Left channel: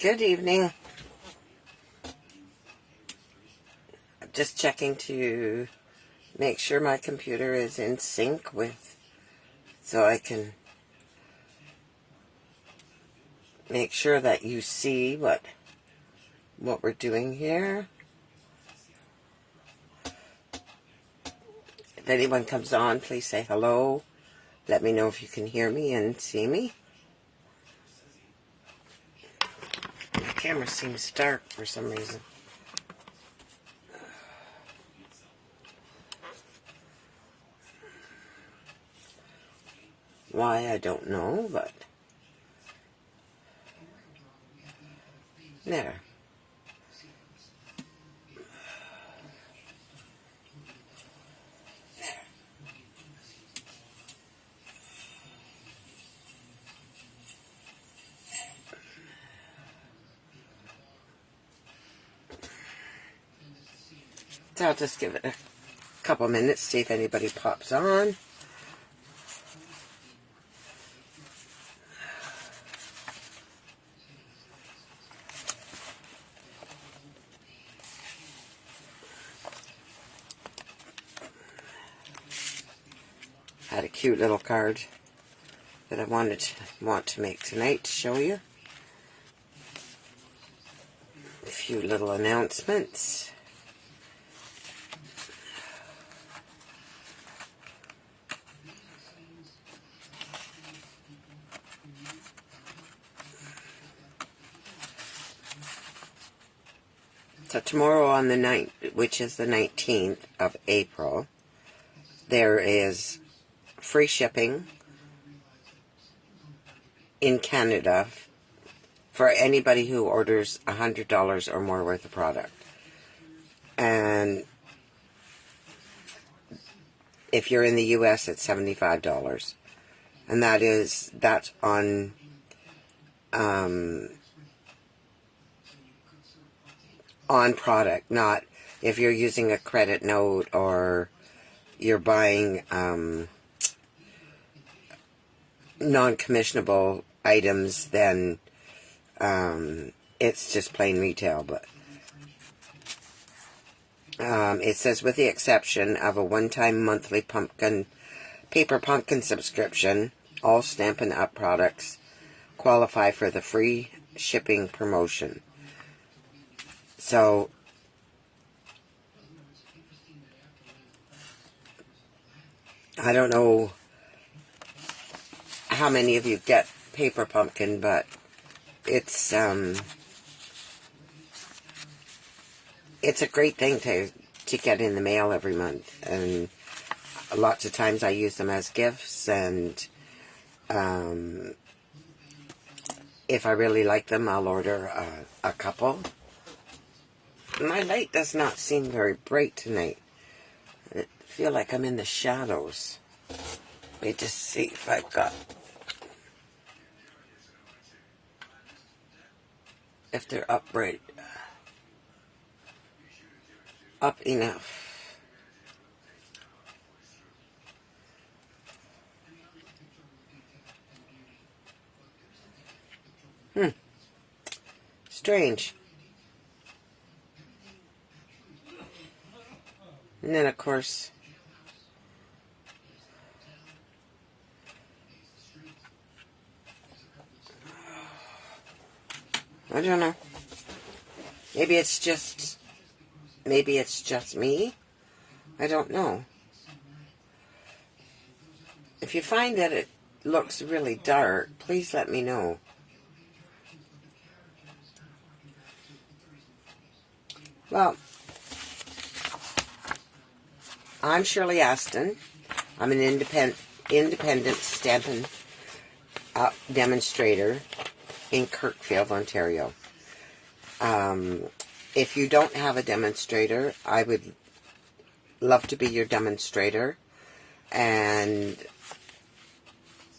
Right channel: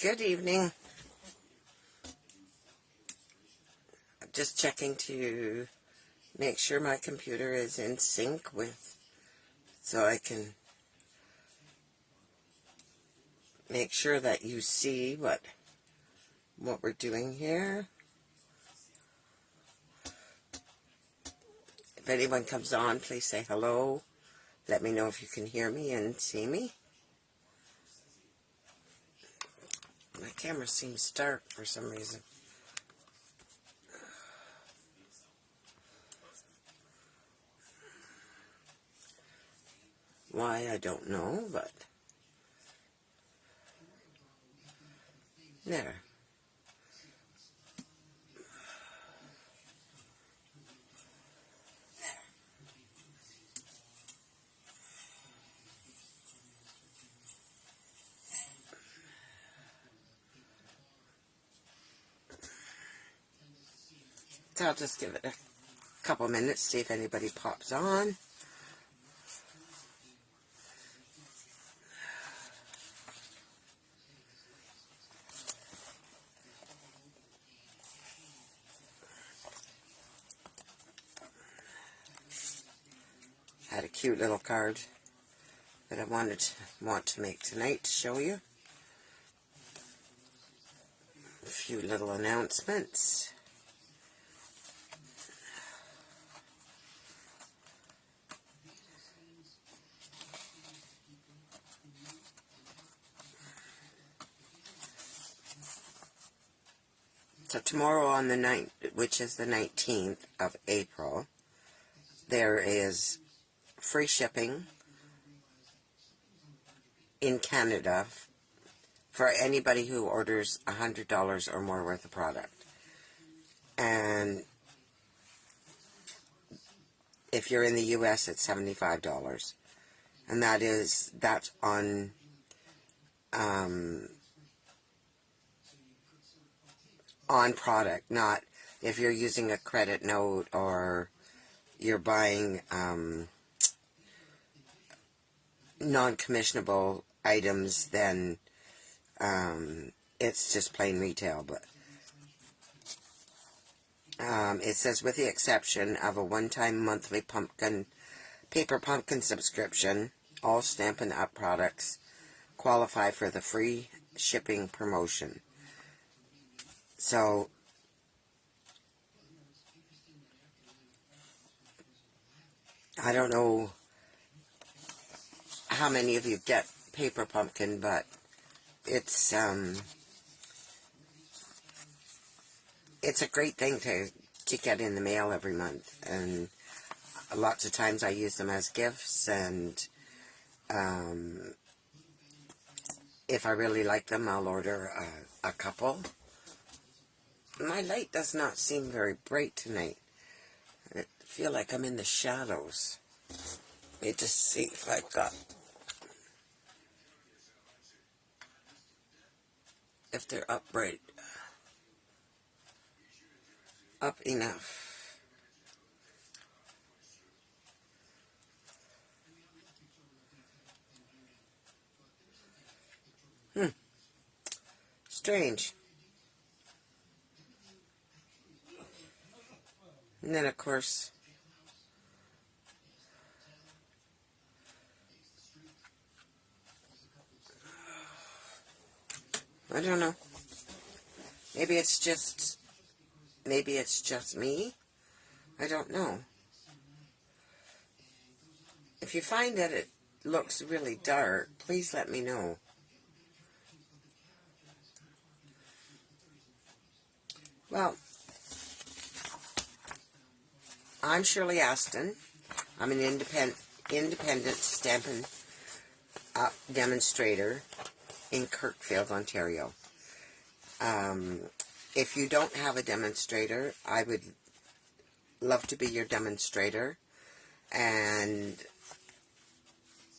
Good evening. I'm just checking to make sure my computer is in sync with, so I can make sure that you see what we're doing here. If anyone comes on, please say hello. Let me know if you can hear me and see me. My camera seems dark for some reason. Why, I don't know, but there. So I'll just give it a couple minutes, see if anybody pops on. I had a cute little card that I want to make tonight to show you. A few little announcements. So tomorrow on the 9th, which is the 19th of April, there is free shipping in Canada for anybody who orders $100 or more worth of product. And if you're in the US, it's $75. And that's on product, not if you're using a credit note or you're buying non-commissionable items, then it's just plain retail. But it says, with the exception of a one-time monthly paper pumpkin subscription, all Stampin' Up! Products qualify for the free shipping promotion. So, I don't know how many of you get paper pumpkin, but it's a great thing to get in the mail every month, and lots of times I use them as gifts, and if I really like them, I'll order a couple. My light does not seem very bright tonight. I feel like I'm in the shadows. Let me just see if I've got... if they're up bright. Up enough. Strange. And then, of course, I don't know. Maybe it's just me. I don't know. If you find that it looks really dark, please let me know. Well, I'm Shirley Aston. I'm an independent Stampin' Up! Demonstrator in Kirkfield, Ontario. If you don't have a demonstrator, I would love to be your demonstrator, and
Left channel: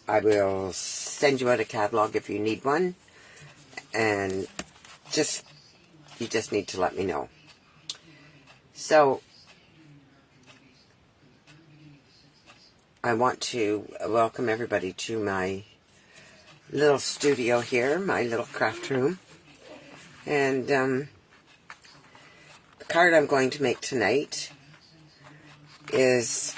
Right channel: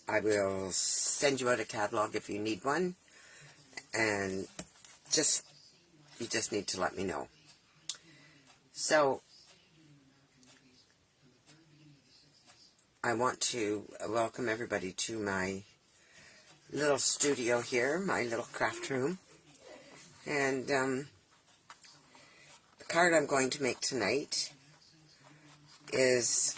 I will send you out a catalog if you need one, and you just need to let me know. So, I want to welcome everybody to my little studio here, my little craft room. And the card I'm going to make tonight is,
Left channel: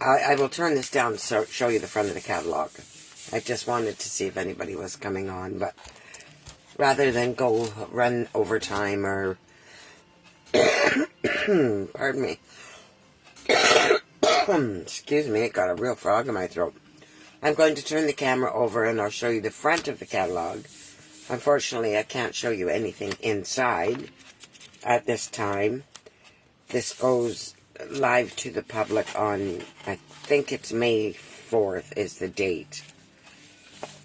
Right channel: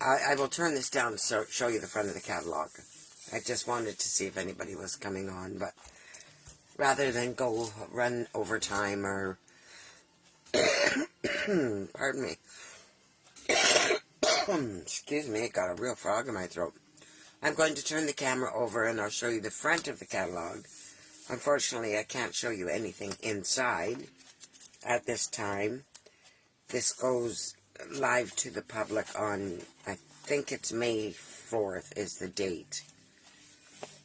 I will turn this down to show you the front of the catalog. I just wanted to see if anybody was coming on, but rather than run overtime or pardon me, excuse me, it got a real frog in my throat. I'm going to turn the camera over and I'll show you the front of the catalog. Unfortunately, I can't show you anything inside at this time. This goes live to the public on, I think it's May 4th is the date.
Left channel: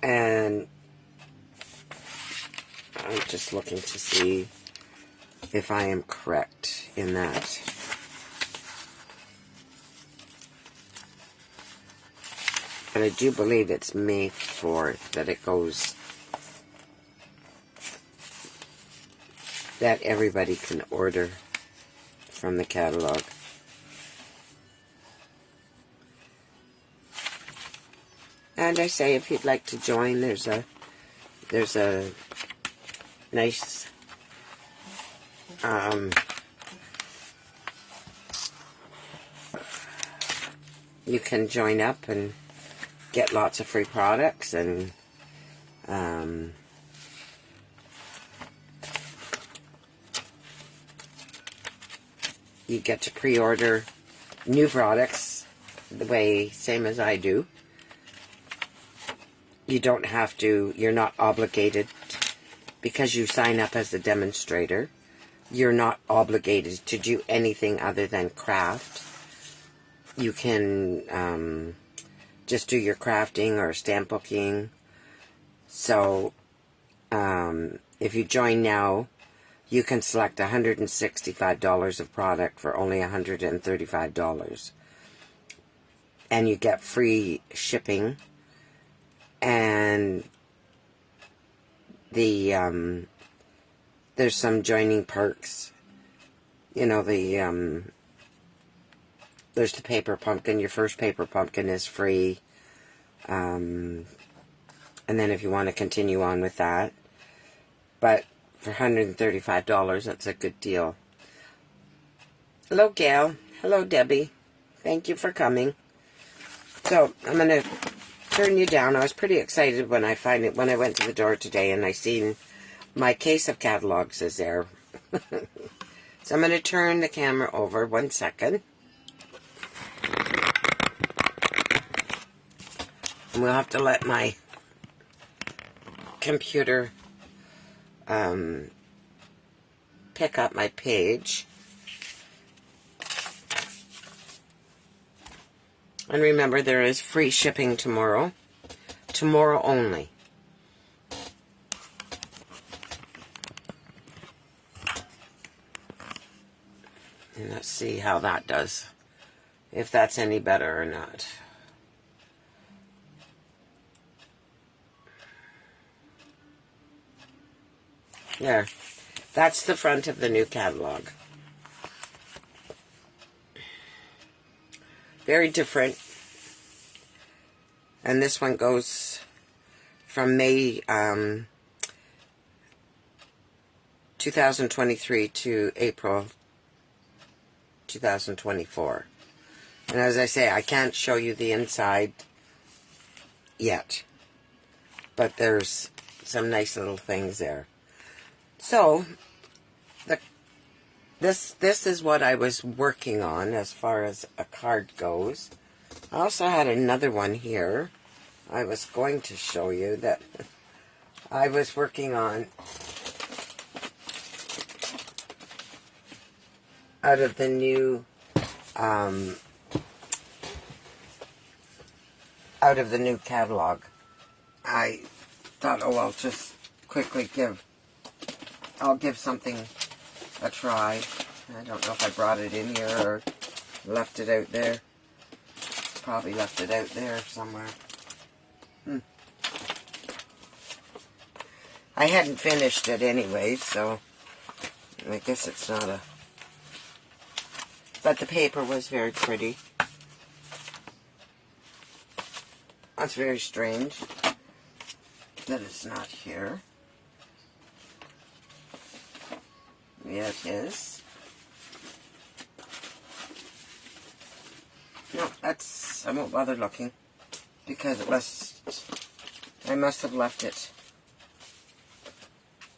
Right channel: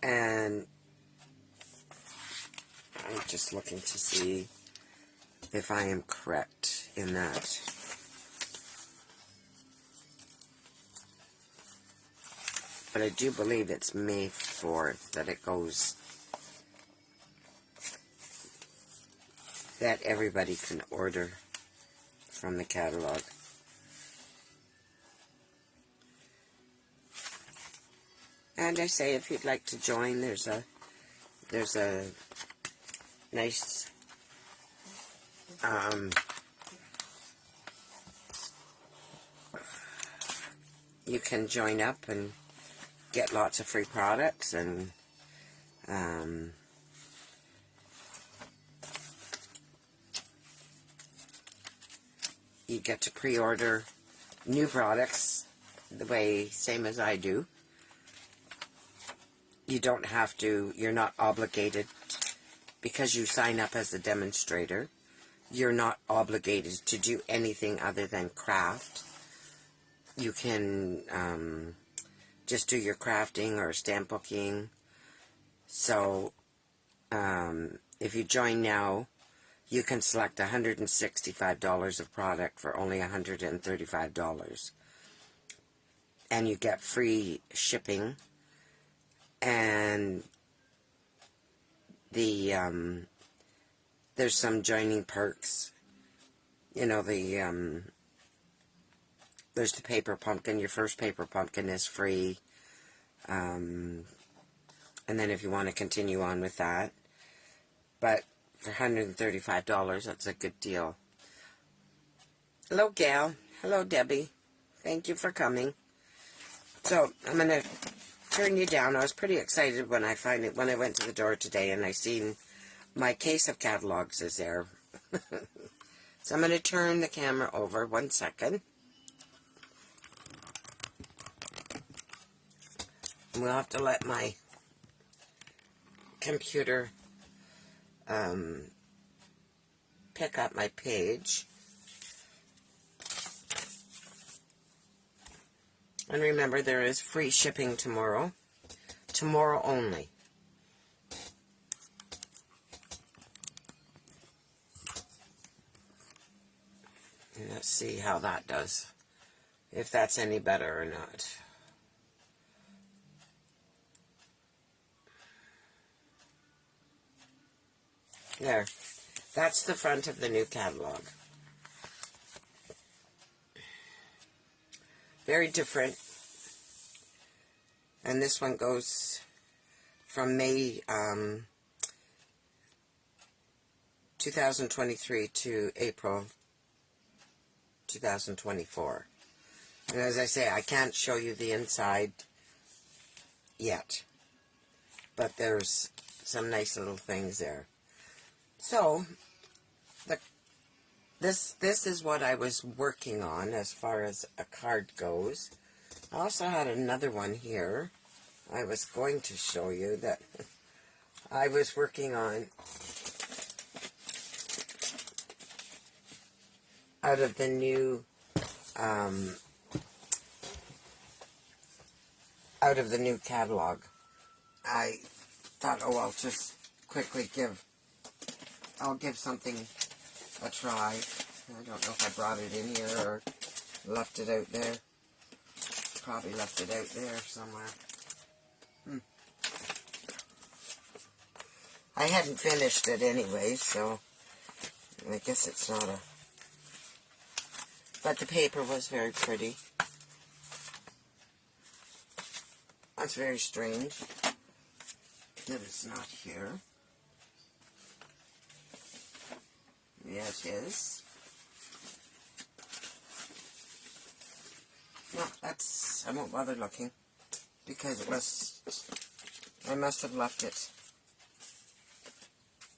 And I'm just looking to see if I am correct in that. And I do believe it's May 4th that it goes, that everybody can order from the catalog. And I say, if you'd like to join, there's a nice you can join up and get lots of free products, and you get to pre-order new products the way, same as I do. You don't have to, you're not obligated, because you sign up as a demonstrator, you're not obligated to do anything other than craft. You can just do your crafting or stamp booking. So if you join now, you can select $165 of product for only $135. And you get free shipping. And the there's some joining perks. You know, there's the paper pumpkin. Your first paper pumpkin is free. And then if you want to continue on with that. But for $135, that's a good deal. Hello, Gail. Hello, Debbie. Thank you for coming. So, I'm going to turn you down. I was pretty excited when I went to the door today and I seen my case of catalogs is there. So I'm going to turn the camera over 1 second. And we'll have to let my computer pick up my page. And remember, there is free shipping tomorrow. Tomorrow only. And let's see how that does. If that's any better or not. There. That's the front of the new catalog. Very different. And this one goes from May 2023 to April 2024. And as I say, I can't show you the inside yet. But there's some nice little things there. So, this is what I was working on as far as a card goes. I also had another one here I was going to show you that I was working on out of the new catalog. I thought, oh, I'll just quickly I'll give something a try. I don't know if I brought it in here or left it out there. Probably left it out there somewhere. I hadn't finished it anyway, so I guess it's not a... But the paper was very pretty. That's very strange. that it's not here. Yeah, it is. No, I won't bother looking, because I must have left it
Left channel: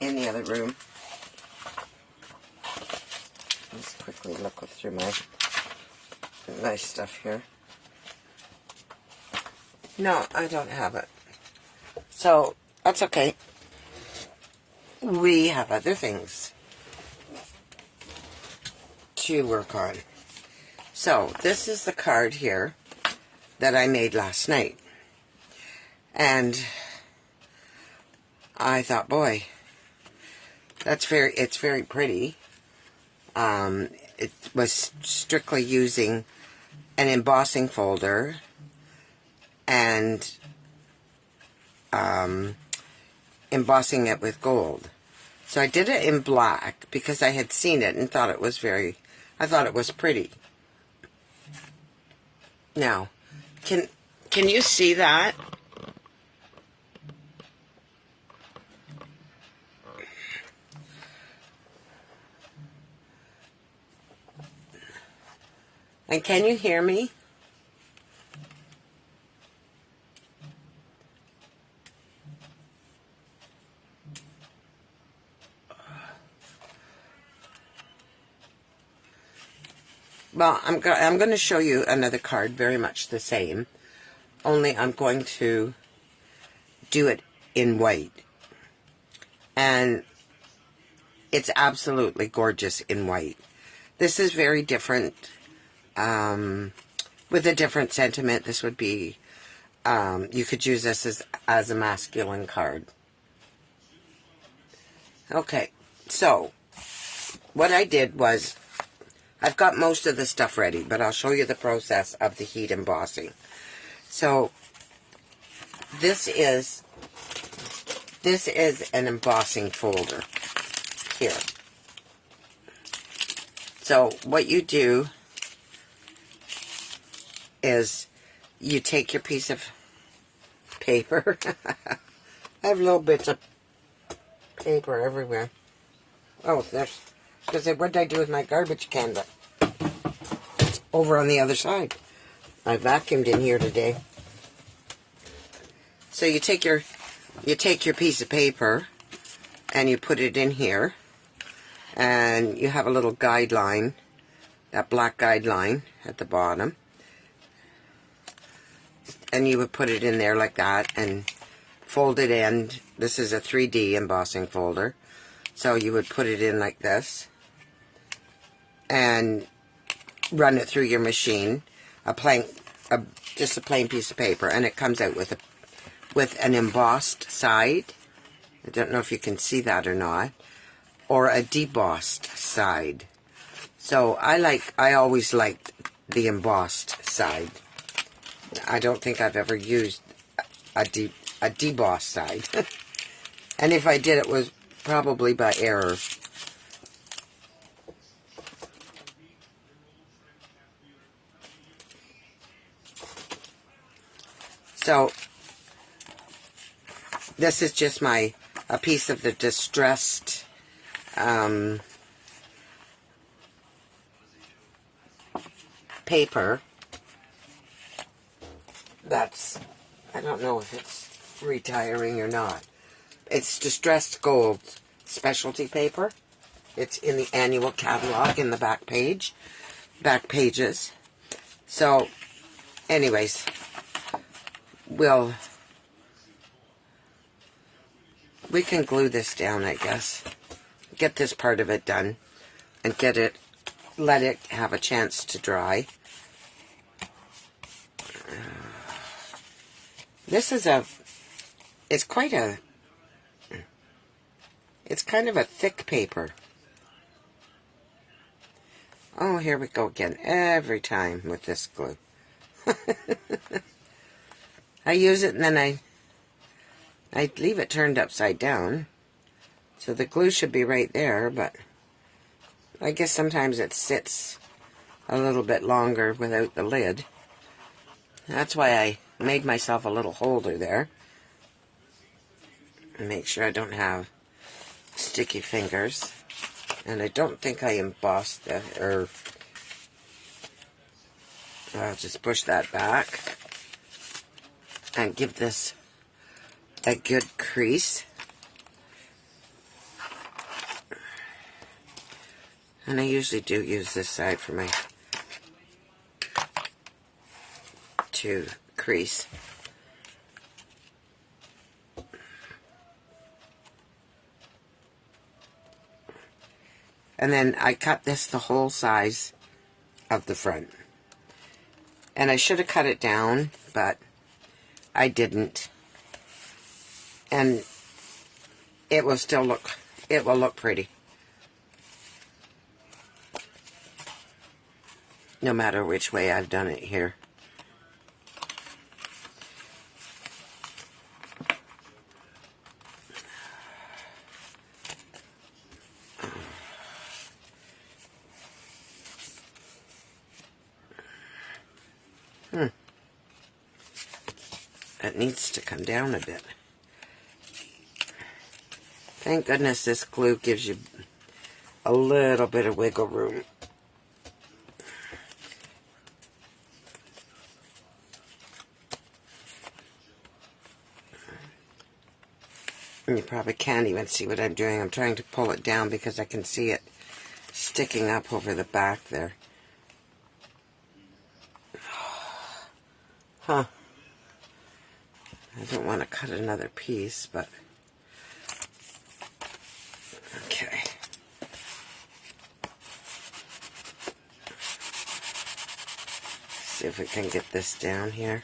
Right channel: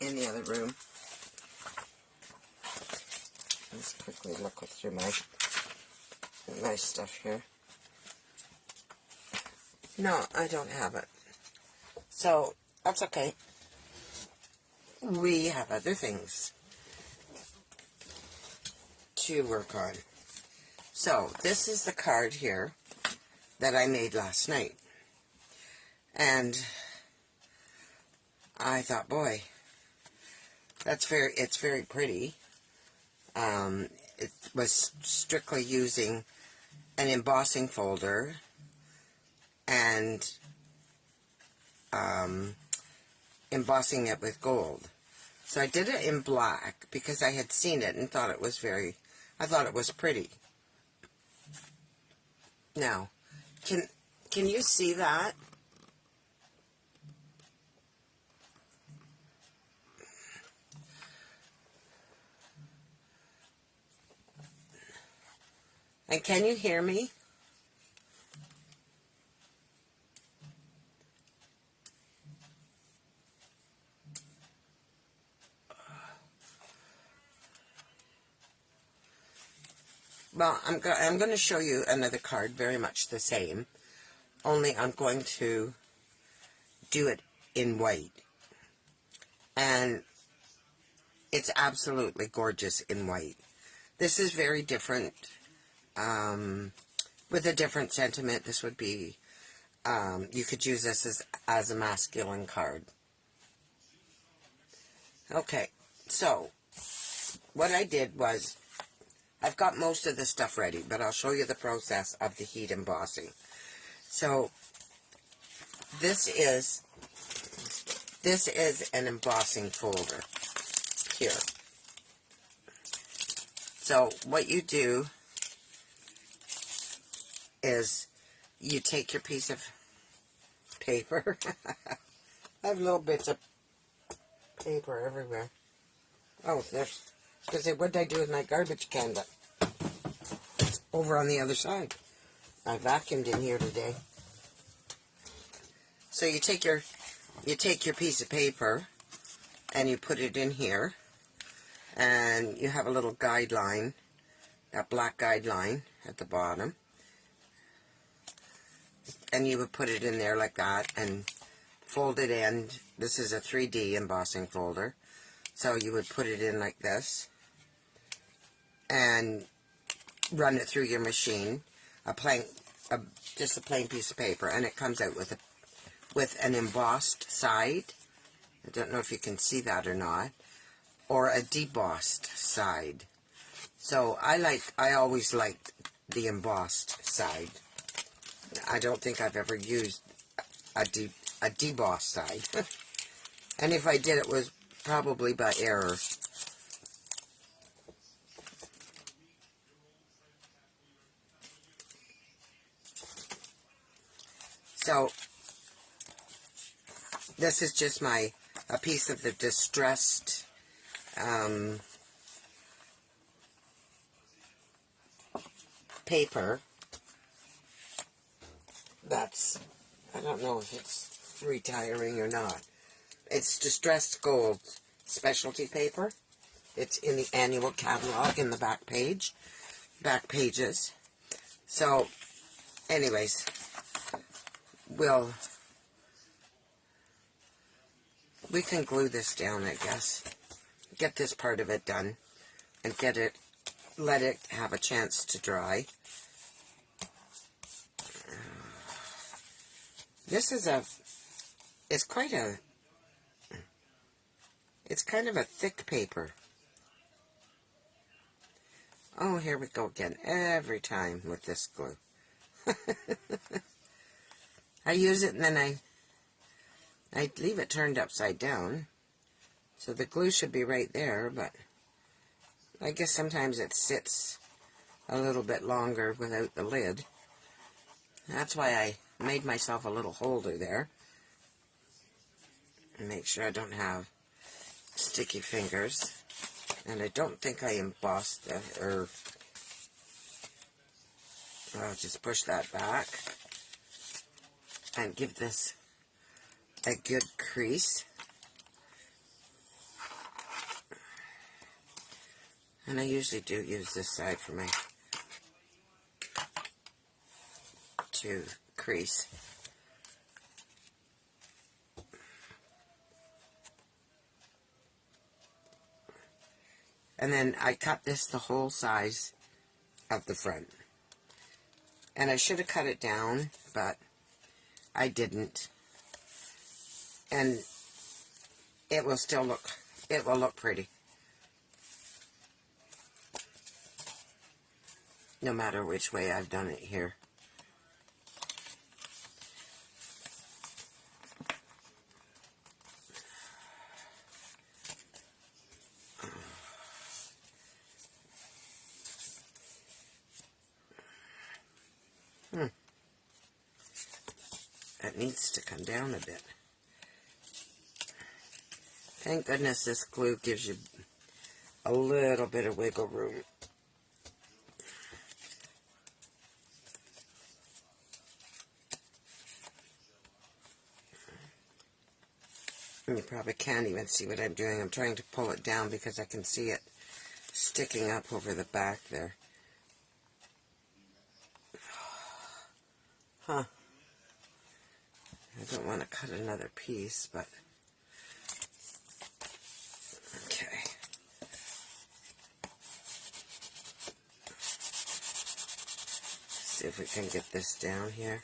in the other room. Let's quickly look through my nice stuff here. No, I don't have it. So, that's okay. We have other things to work on. So, this is the card here that I made last night. And I thought, boy, it's very pretty. It was strictly using an embossing folder and embossing it with gold. So I did it in black because I had seen it and thought it was I thought it was pretty. Now, can you see that? And can you hear me? Well, I'm going to show you another card very much the same, only I'm going to do it in white. And it's absolutely gorgeous in white. This is very different, with a different sentiment. This would be, you could use this as a masculine card. Okay, so what I did was, I've got most of the stuff ready, but I'll show you the process of the heat embossing. So, this is an embossing folder here. So, what you do is you take your piece of paper. I have little bits of paper everywhere. Oh, that's because what did I do with my garbage can? But it's over on the other side. I vacuumed in here today. So you take your piece of paper and you put it in here, and you have a little guideline, that black guideline at the bottom, and you would put it in there like that and fold it in. This is a 3D embossing folder, so you would put it in like this and run it through your machine, just a plain piece of paper, and it comes out with an embossed side. I don't know if you can see that or not, or a debossed side. So I always liked the embossed side. I don't think I've ever used a debossed side. And if I did, it was probably by error. So, this is just a piece of the distressed paper. I don't know if it's retiring or not. It's distressed gold specialty paper. It's in the annual catalog in the back pages. So, anyways, we can glue this down, I guess. Get this part of it done and let it have a chance to dry. This is it's kind of a thick paper. Oh, here we go again. Every time with this glue. I use it and then I leave it turned upside down. So the glue should be right there, but I guess sometimes it sits a little bit longer without the lid. That's why I made myself a little holder there. Make sure I don't have sticky fingers. And I don't think I embossed that, or I'll just push that back and give this a good crease. And I usually do use this side for my to crease. And then I cut this the whole size of the front. And I should have cut it down, but I didn't. And it will still look, it will look pretty. No matter which way I've done it here. It needs to come down a bit. Thank goodness this glue gives you a little bit of wiggle room. And you probably can't even see what I'm doing. I'm trying to pull it down because I can see it sticking up over the back there. Huh. I don't want to cut another piece, but okay. See if we can get this down here.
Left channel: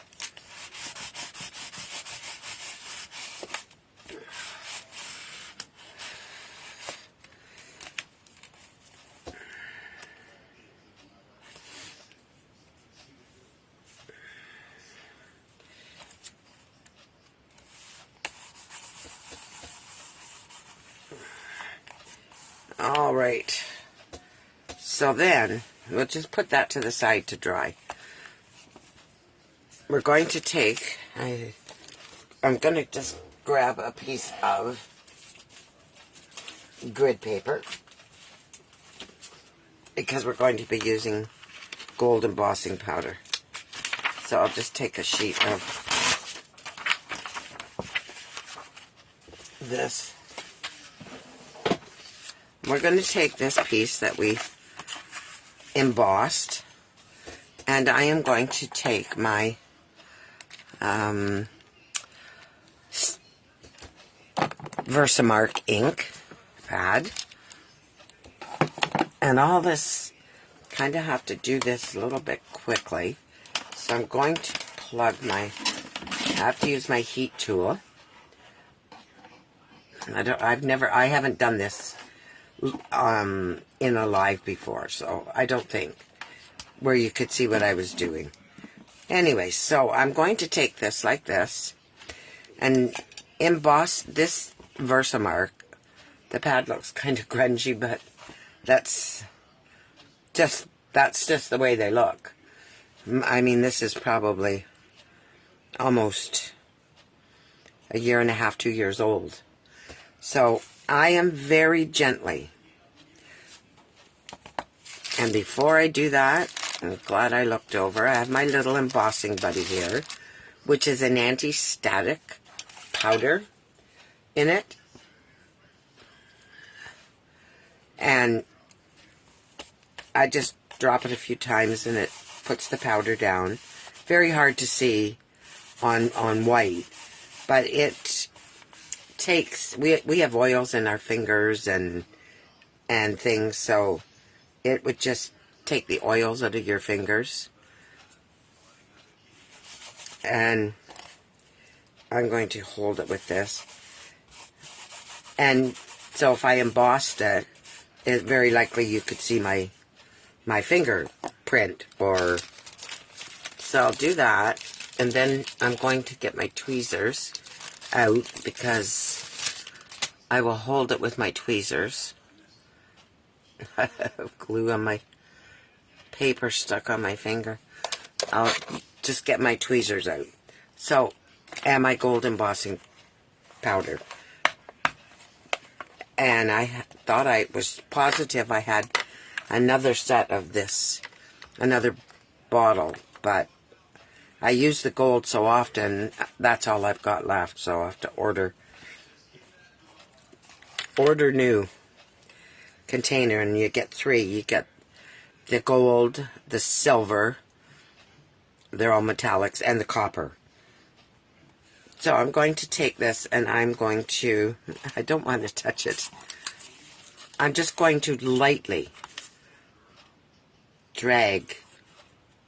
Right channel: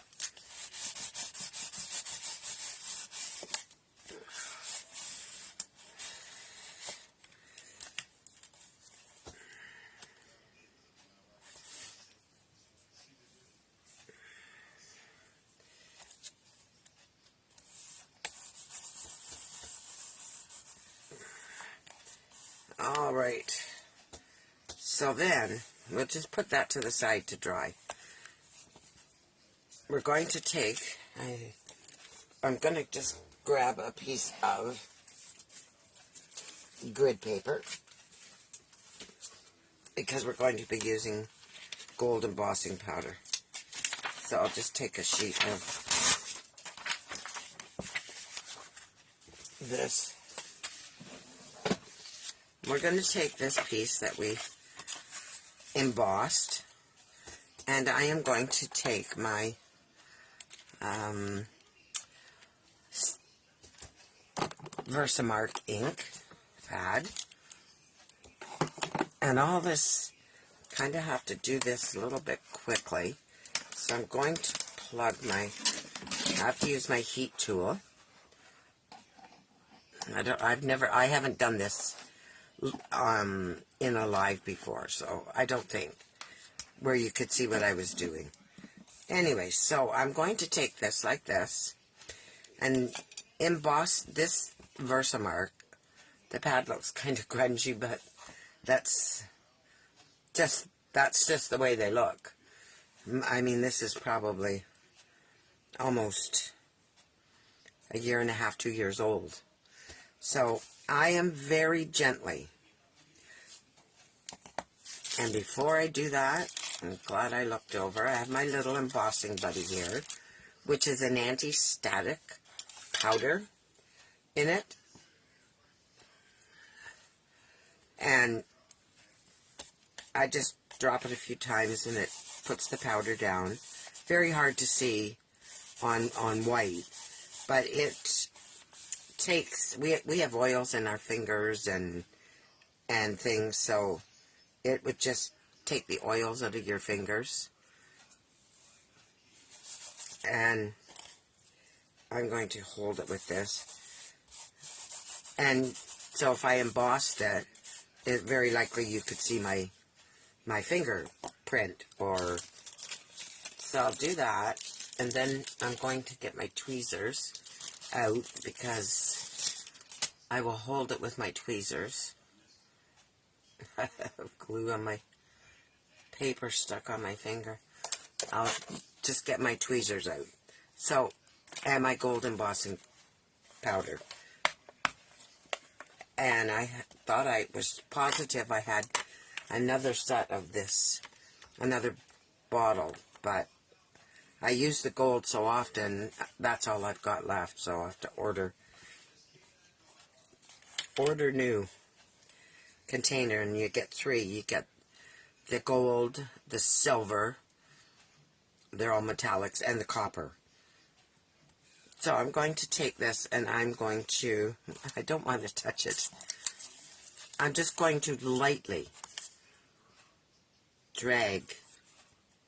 All right, so then we'll just put that to the side to dry. We're going to take, I'm going to just grab a piece of grid paper because we're going to be using gold embossing powder. So I'll just take a sheet of this. We're going to take this piece that we embossed, and I am going to take my Versamark ink pad, and all this, kind of have to do this a little bit quickly, so I'm going to plug my, I have to use my heat tool. I haven't done this in a live before, so I don't think where you could see what I was doing. Anyway, so I'm going to take this like this and emboss this Versamark. The pad looks kind of grungy, but that's just the way they look. I mean, this is probably almost a year and a half, 2 years old. So I am very gently. And before I do that, I'm glad I looked over. I have my little embossing buddy here, which is an anti-static powder in it. And I just drop it a few times and it puts the powder down. Very hard to see on white, but it takes, we have oils in our fingers and things, so it would just take the oils out of your fingers. And I'm going to hold it with this. And so if I embossed it, very likely you could see my fingerprint, or so I'll do that. And then I'm going to get my tweezers out because I will hold it with my tweezers. I have glue on my paper stuck on my finger. I'll just get my tweezers out. So, and my gold embossing powder. And I thought I was positive I had another set of this, another bottle, but I use the gold so often, that's all I've got left, so I'll have to order new container, and you get 3. You get the gold, the silver, they're all metallics, and the copper. So I'm going to take this and I'm going to, I don't want to touch it. I'm just going to lightly drag,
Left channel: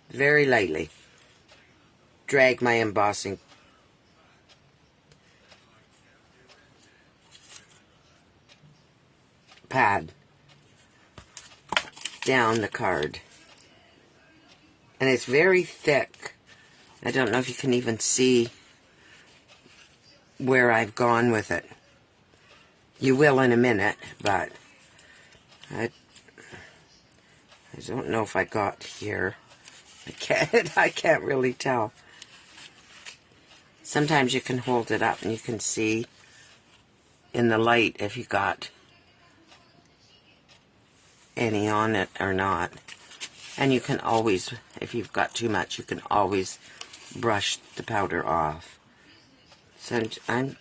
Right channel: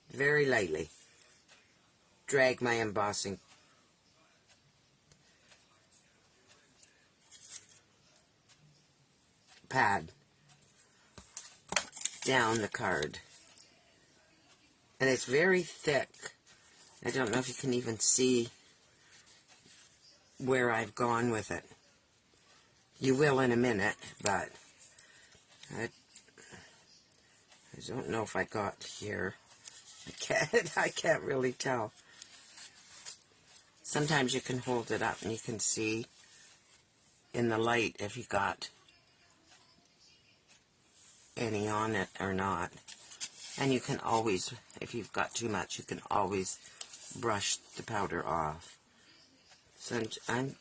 very lightly, drag my embossing pad down the card. And it's very thick. I don't know if you can even see where I've gone with it. You will in a minute, but I don't know if I got here. I can't really tell. Sometimes you can hold it up and you can see in the light if you got any on it or not. And you can always, if you've got too much, you can always brush the powder off. So I'm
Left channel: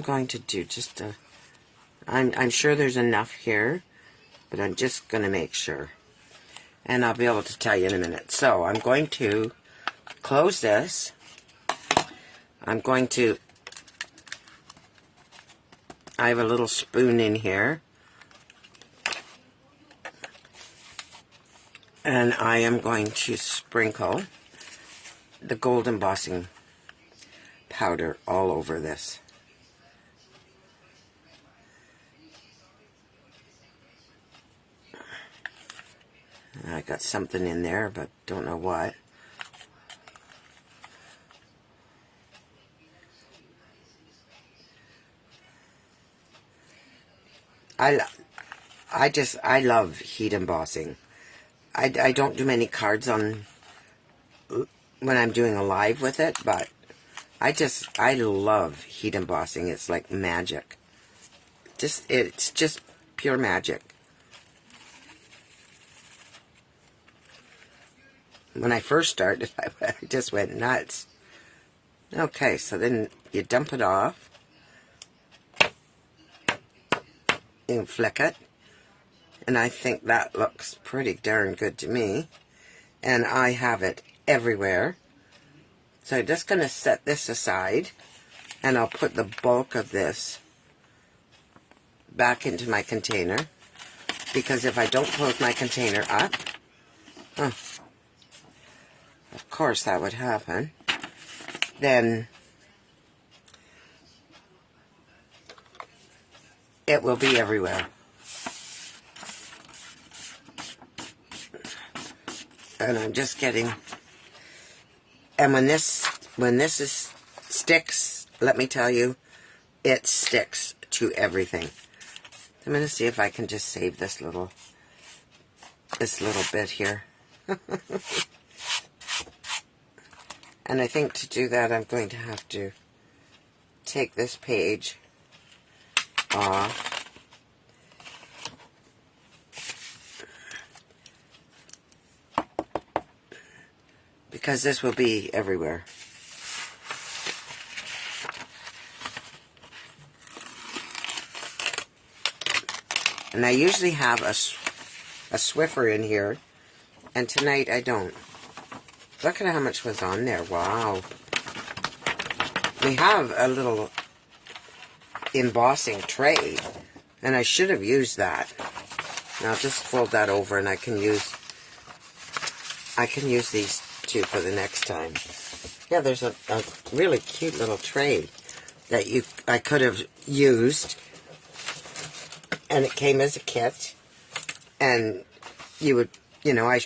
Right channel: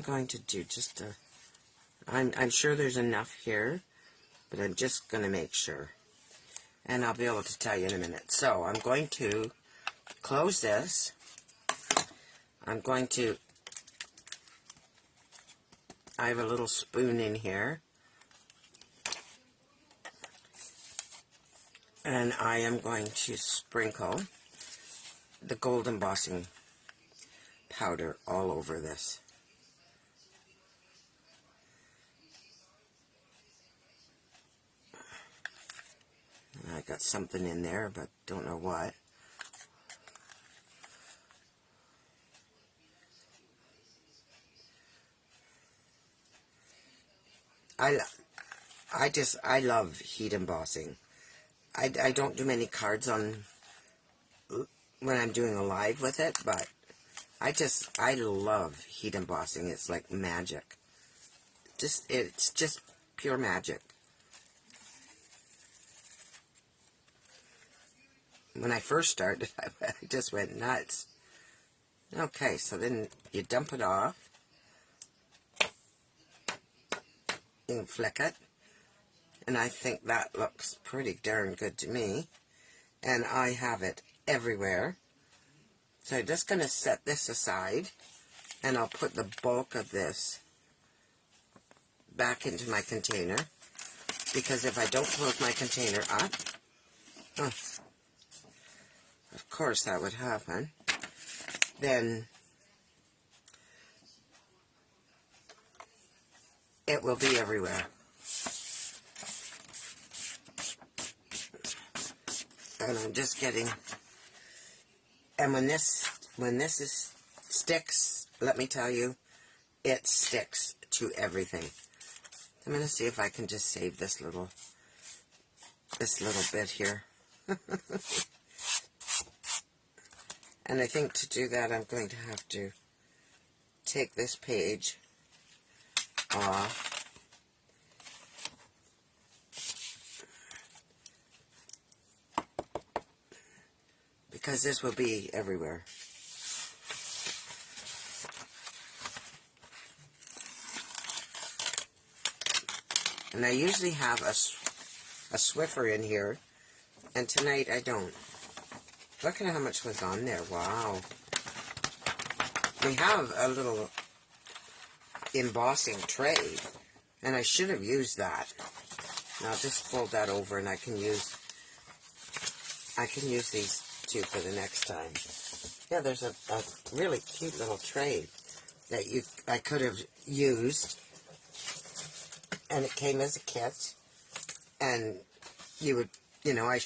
going to do just a, I'm sure there's enough here, but I'm just going to make sure. And I'll be able to tell you in a minute. So I'm going to close this. I'm going to, I have a little spoon in here. And I am going to sprinkle the gold embossing powder all over this. I got something in there, but don't know what. I love heat embossing. I don't do many cards on when I'm doing a live with it, but I love heat embossing. It's like magic. It's just pure magic. When I first started, I just went nuts. Okay, so then you dump it off. You flick it. And I think that looks pretty darn good to me. And I have it everywhere. So I'm just going to set this aside. And I'll put the bulk of this back into my container. Because if I don't close my container up, of course that would happen, then it will be everywhere. And I'm just getting, and when this sticks, let me tell you, it sticks to everything. I'm going to see if I can just save this little bit here. And I think to do that, I'm going to have to take this page off. Because this will be everywhere. And I usually have a Swiffer in here, and tonight I don't. Look at how much was on there. Wow. We have a little embossing tray, and I should have used that. Now I'll just fold that over, and I can use these two for the next time. Yeah, there's a really cute little tray that I could have used, and it came as a kit, and I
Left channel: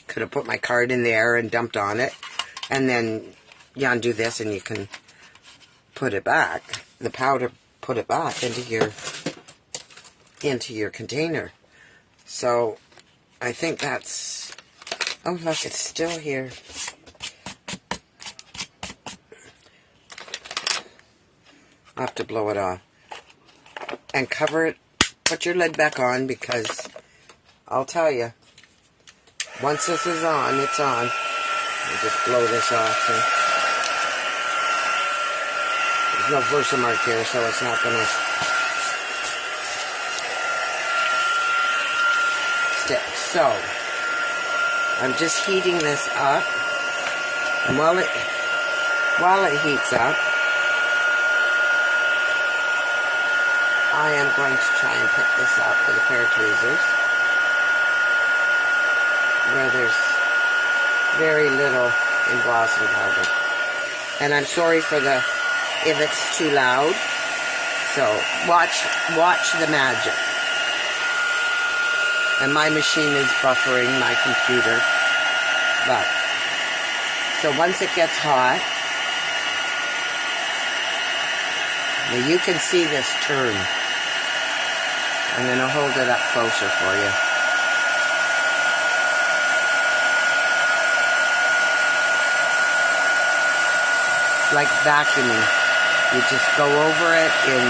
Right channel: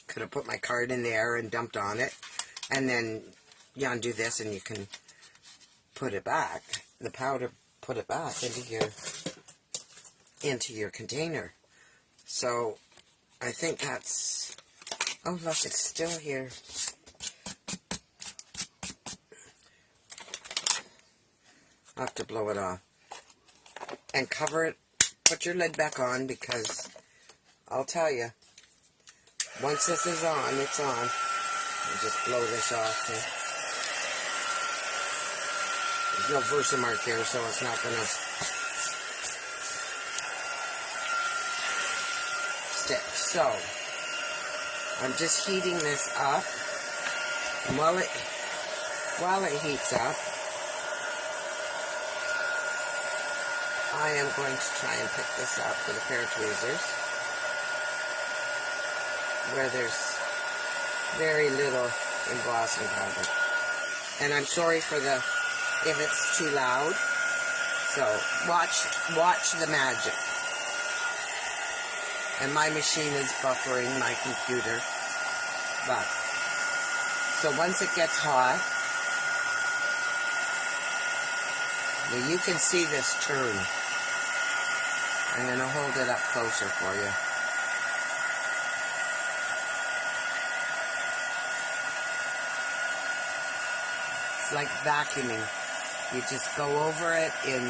could have put my card in there and dumped on it, and then you undo this and you can put it back, the powder, put it back into your container. So I think that's, oh look, it's still here. I'll have to blow it off and cover it put your lid back on because I'll tell you, once this is on, it's on. I'll just blow this off. There's no Versamark here, so it's not going to stick. So, I'm just heating this up. And while it heats up, I am going to try and pick this up with a pair of tweezers where there's very little embossing powder. And I'm sorry for if it's too loud. So watch the magic. And my machine is buffering my computer. But so once it gets hot, now you can see this turn. I'm going to hold it up closer for you. It's like vacuuming. You just go over it in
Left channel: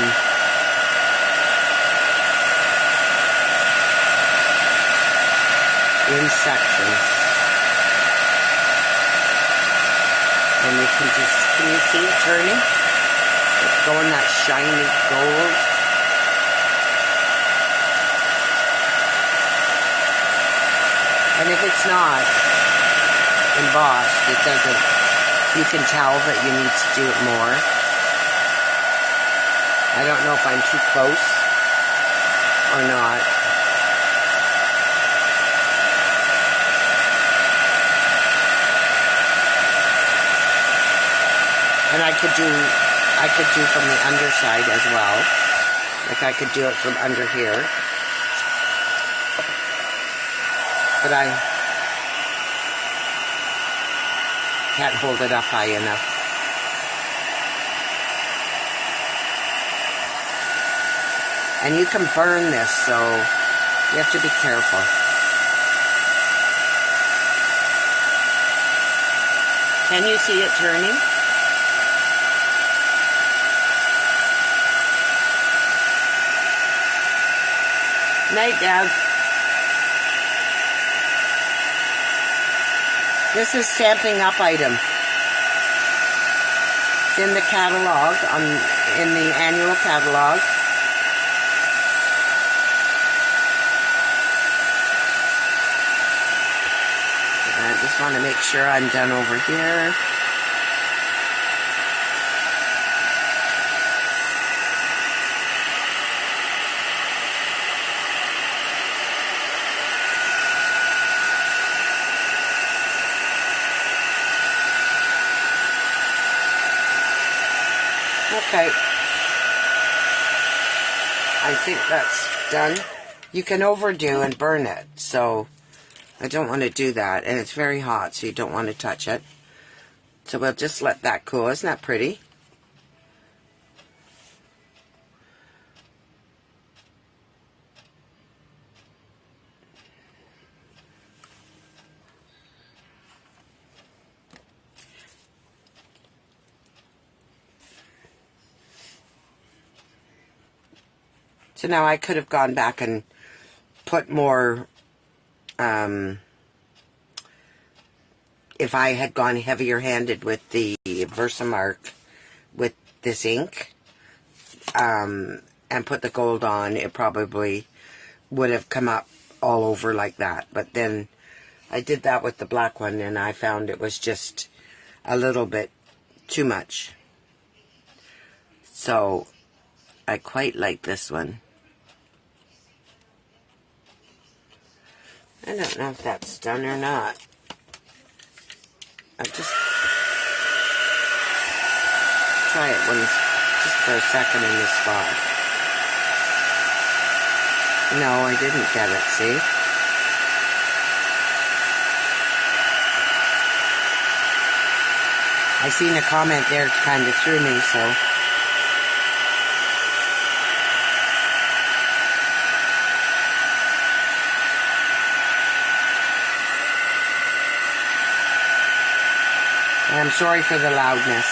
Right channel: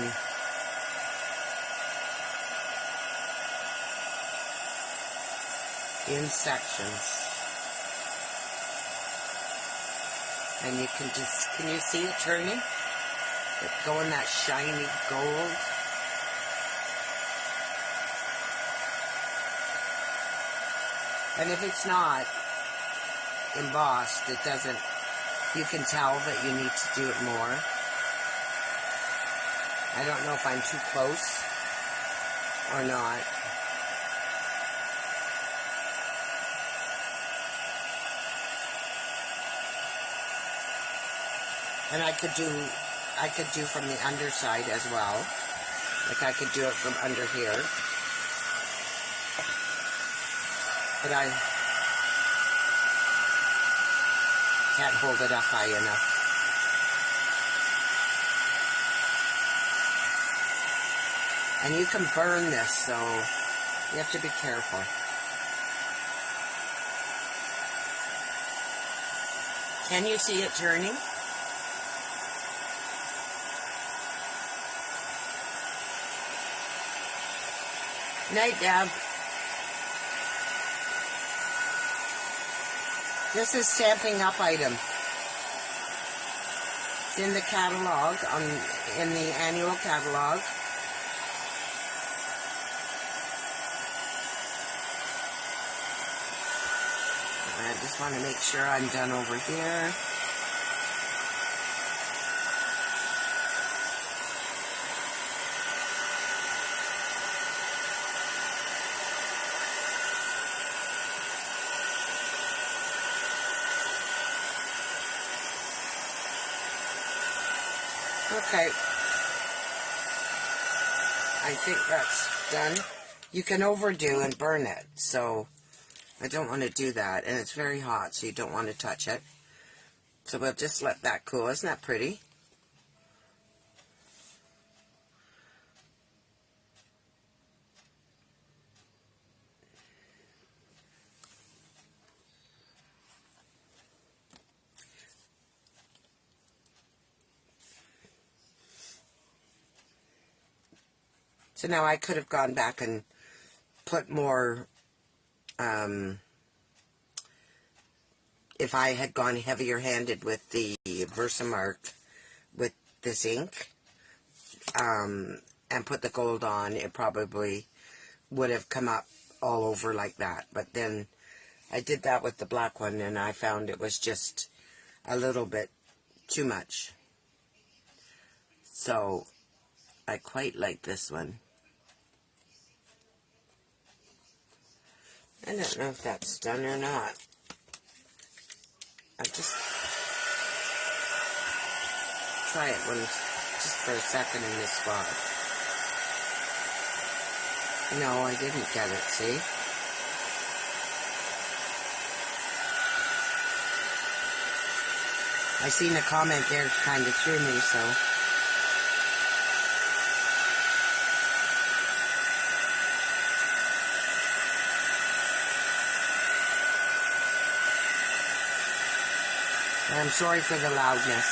sections. And you can you see it turning? It's going that shiny gold. And if it's not embossed, it doesn't, you can tell that you need to do it more. I don't know if I'm too close or not. And I could do from the underside as well. Like I could do it from under here. But I can't hold it up high enough. And you can burn this, so you have to be careful. Can you see it turning? Night, Dad. This is Stamping Up item. It's in the catalog, in the annual catalog. I just want to make sure I'm done over here. Okay, I think that's done. You can overdo and burn it, so I don't want to do that. And it's very hot, so you don't want to touch it. So we'll just let that cool. Isn't that pretty? So now I could have gone back and put more, if I had gone heavier handed with the Versamark with this ink, and put the gold on, it probably would have come up all over like that. But then I did that with the black one and I found it was just a little bit too much. So I quite like this one. I don't know if that's done or not. I'll just try it just for a second in this spot. No, I didn't get it, see? I seen a comment there kind of threw me, so... I'm sorry for the loudness.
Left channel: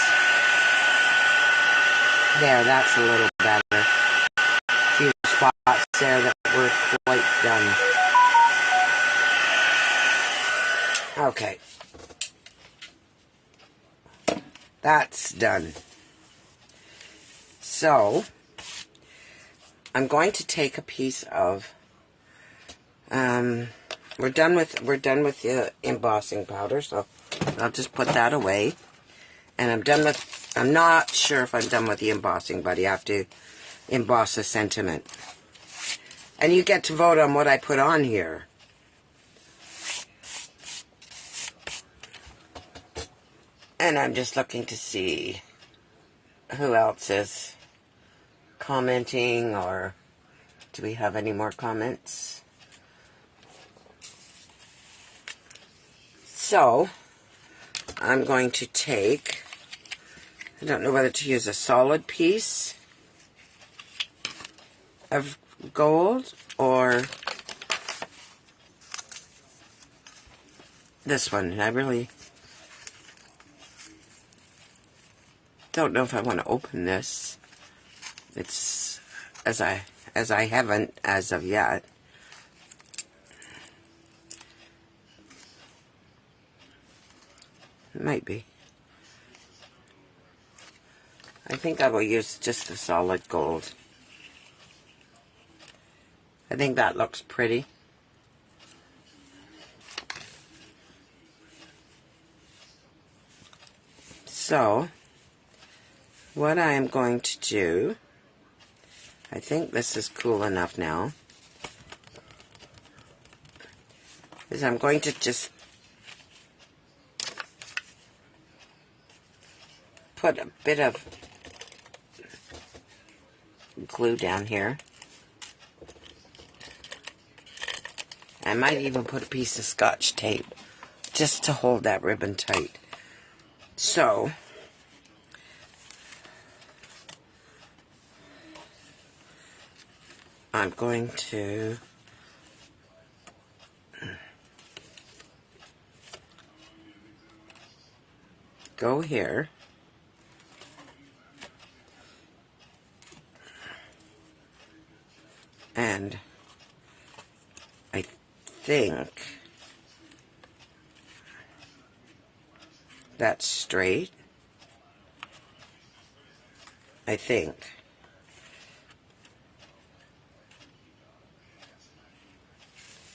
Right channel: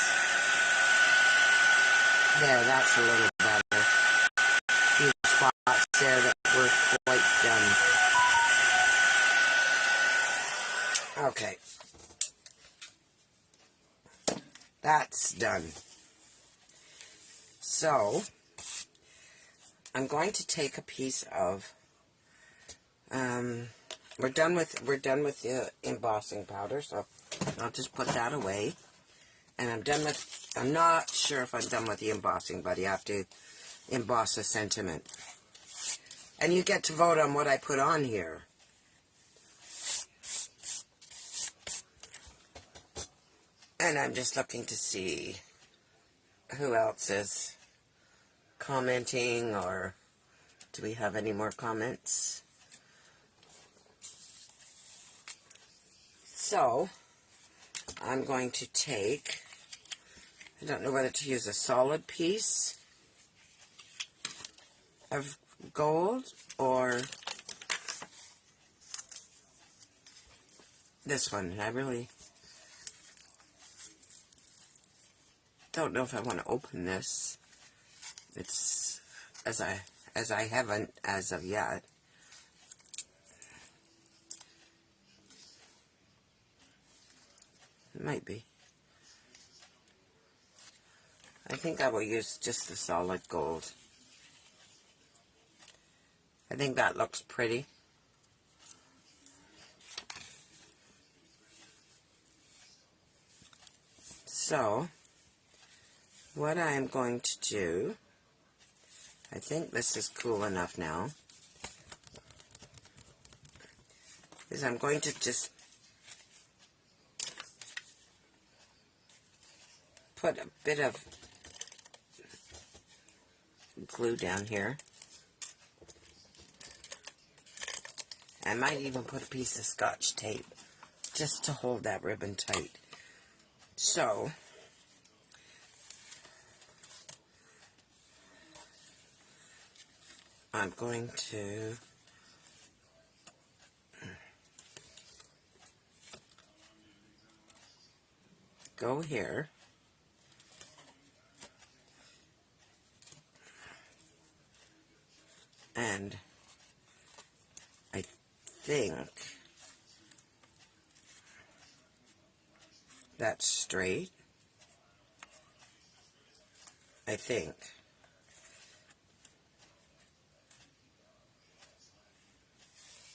There, that's a little better. A few spots there that we're quite done. Okay. That's done. So, I'm going to take a piece of, we're done with the embossing powder, so I'll just put that away. And I'm not sure if I'm done with the embossing, but you have to emboss a sentiment. And you get to vote on what I put on here. And I'm just looking to see who else is commenting, or do we have any more comments? So, I'm going to take, I don't know whether to use a solid piece of gold or this one. I really don't know if I want to open this. It's as I haven't as of yet. It might be. I think I will use just the solid gold. I think that looks pretty. So, what I am going to do, I think this is cool enough now, is I'm going to just put a bit of glue down here. I might even put a piece of Scotch tape just to hold that ribbon tight. So, I'm going to go here and I think that's straight. I think.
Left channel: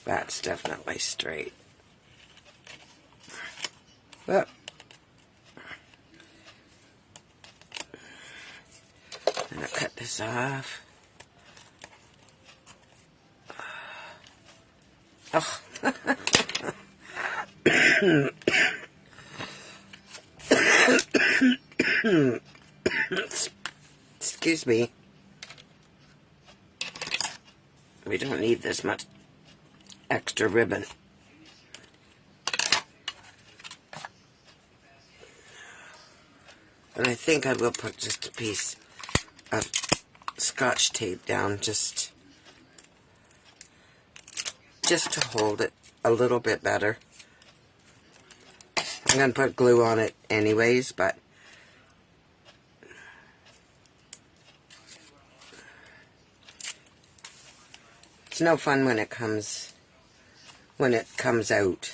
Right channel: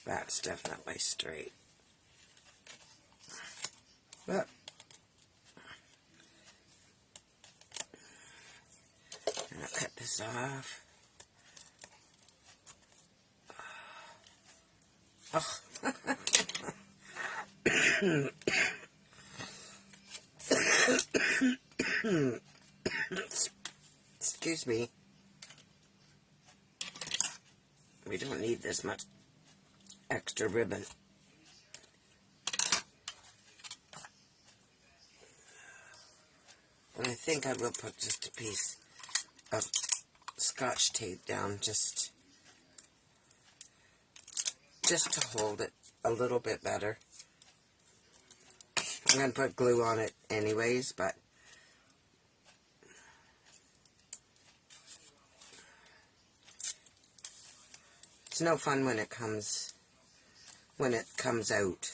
That's definitely straight. Well, I'm going to cut this off. Oh. Excuse me. We don't need this much extra ribbon. And I think I will put just a piece of Scotch tape down just to hold it a little bit better. I'm going to put glue on it anyways, but it's no fun when it comes out.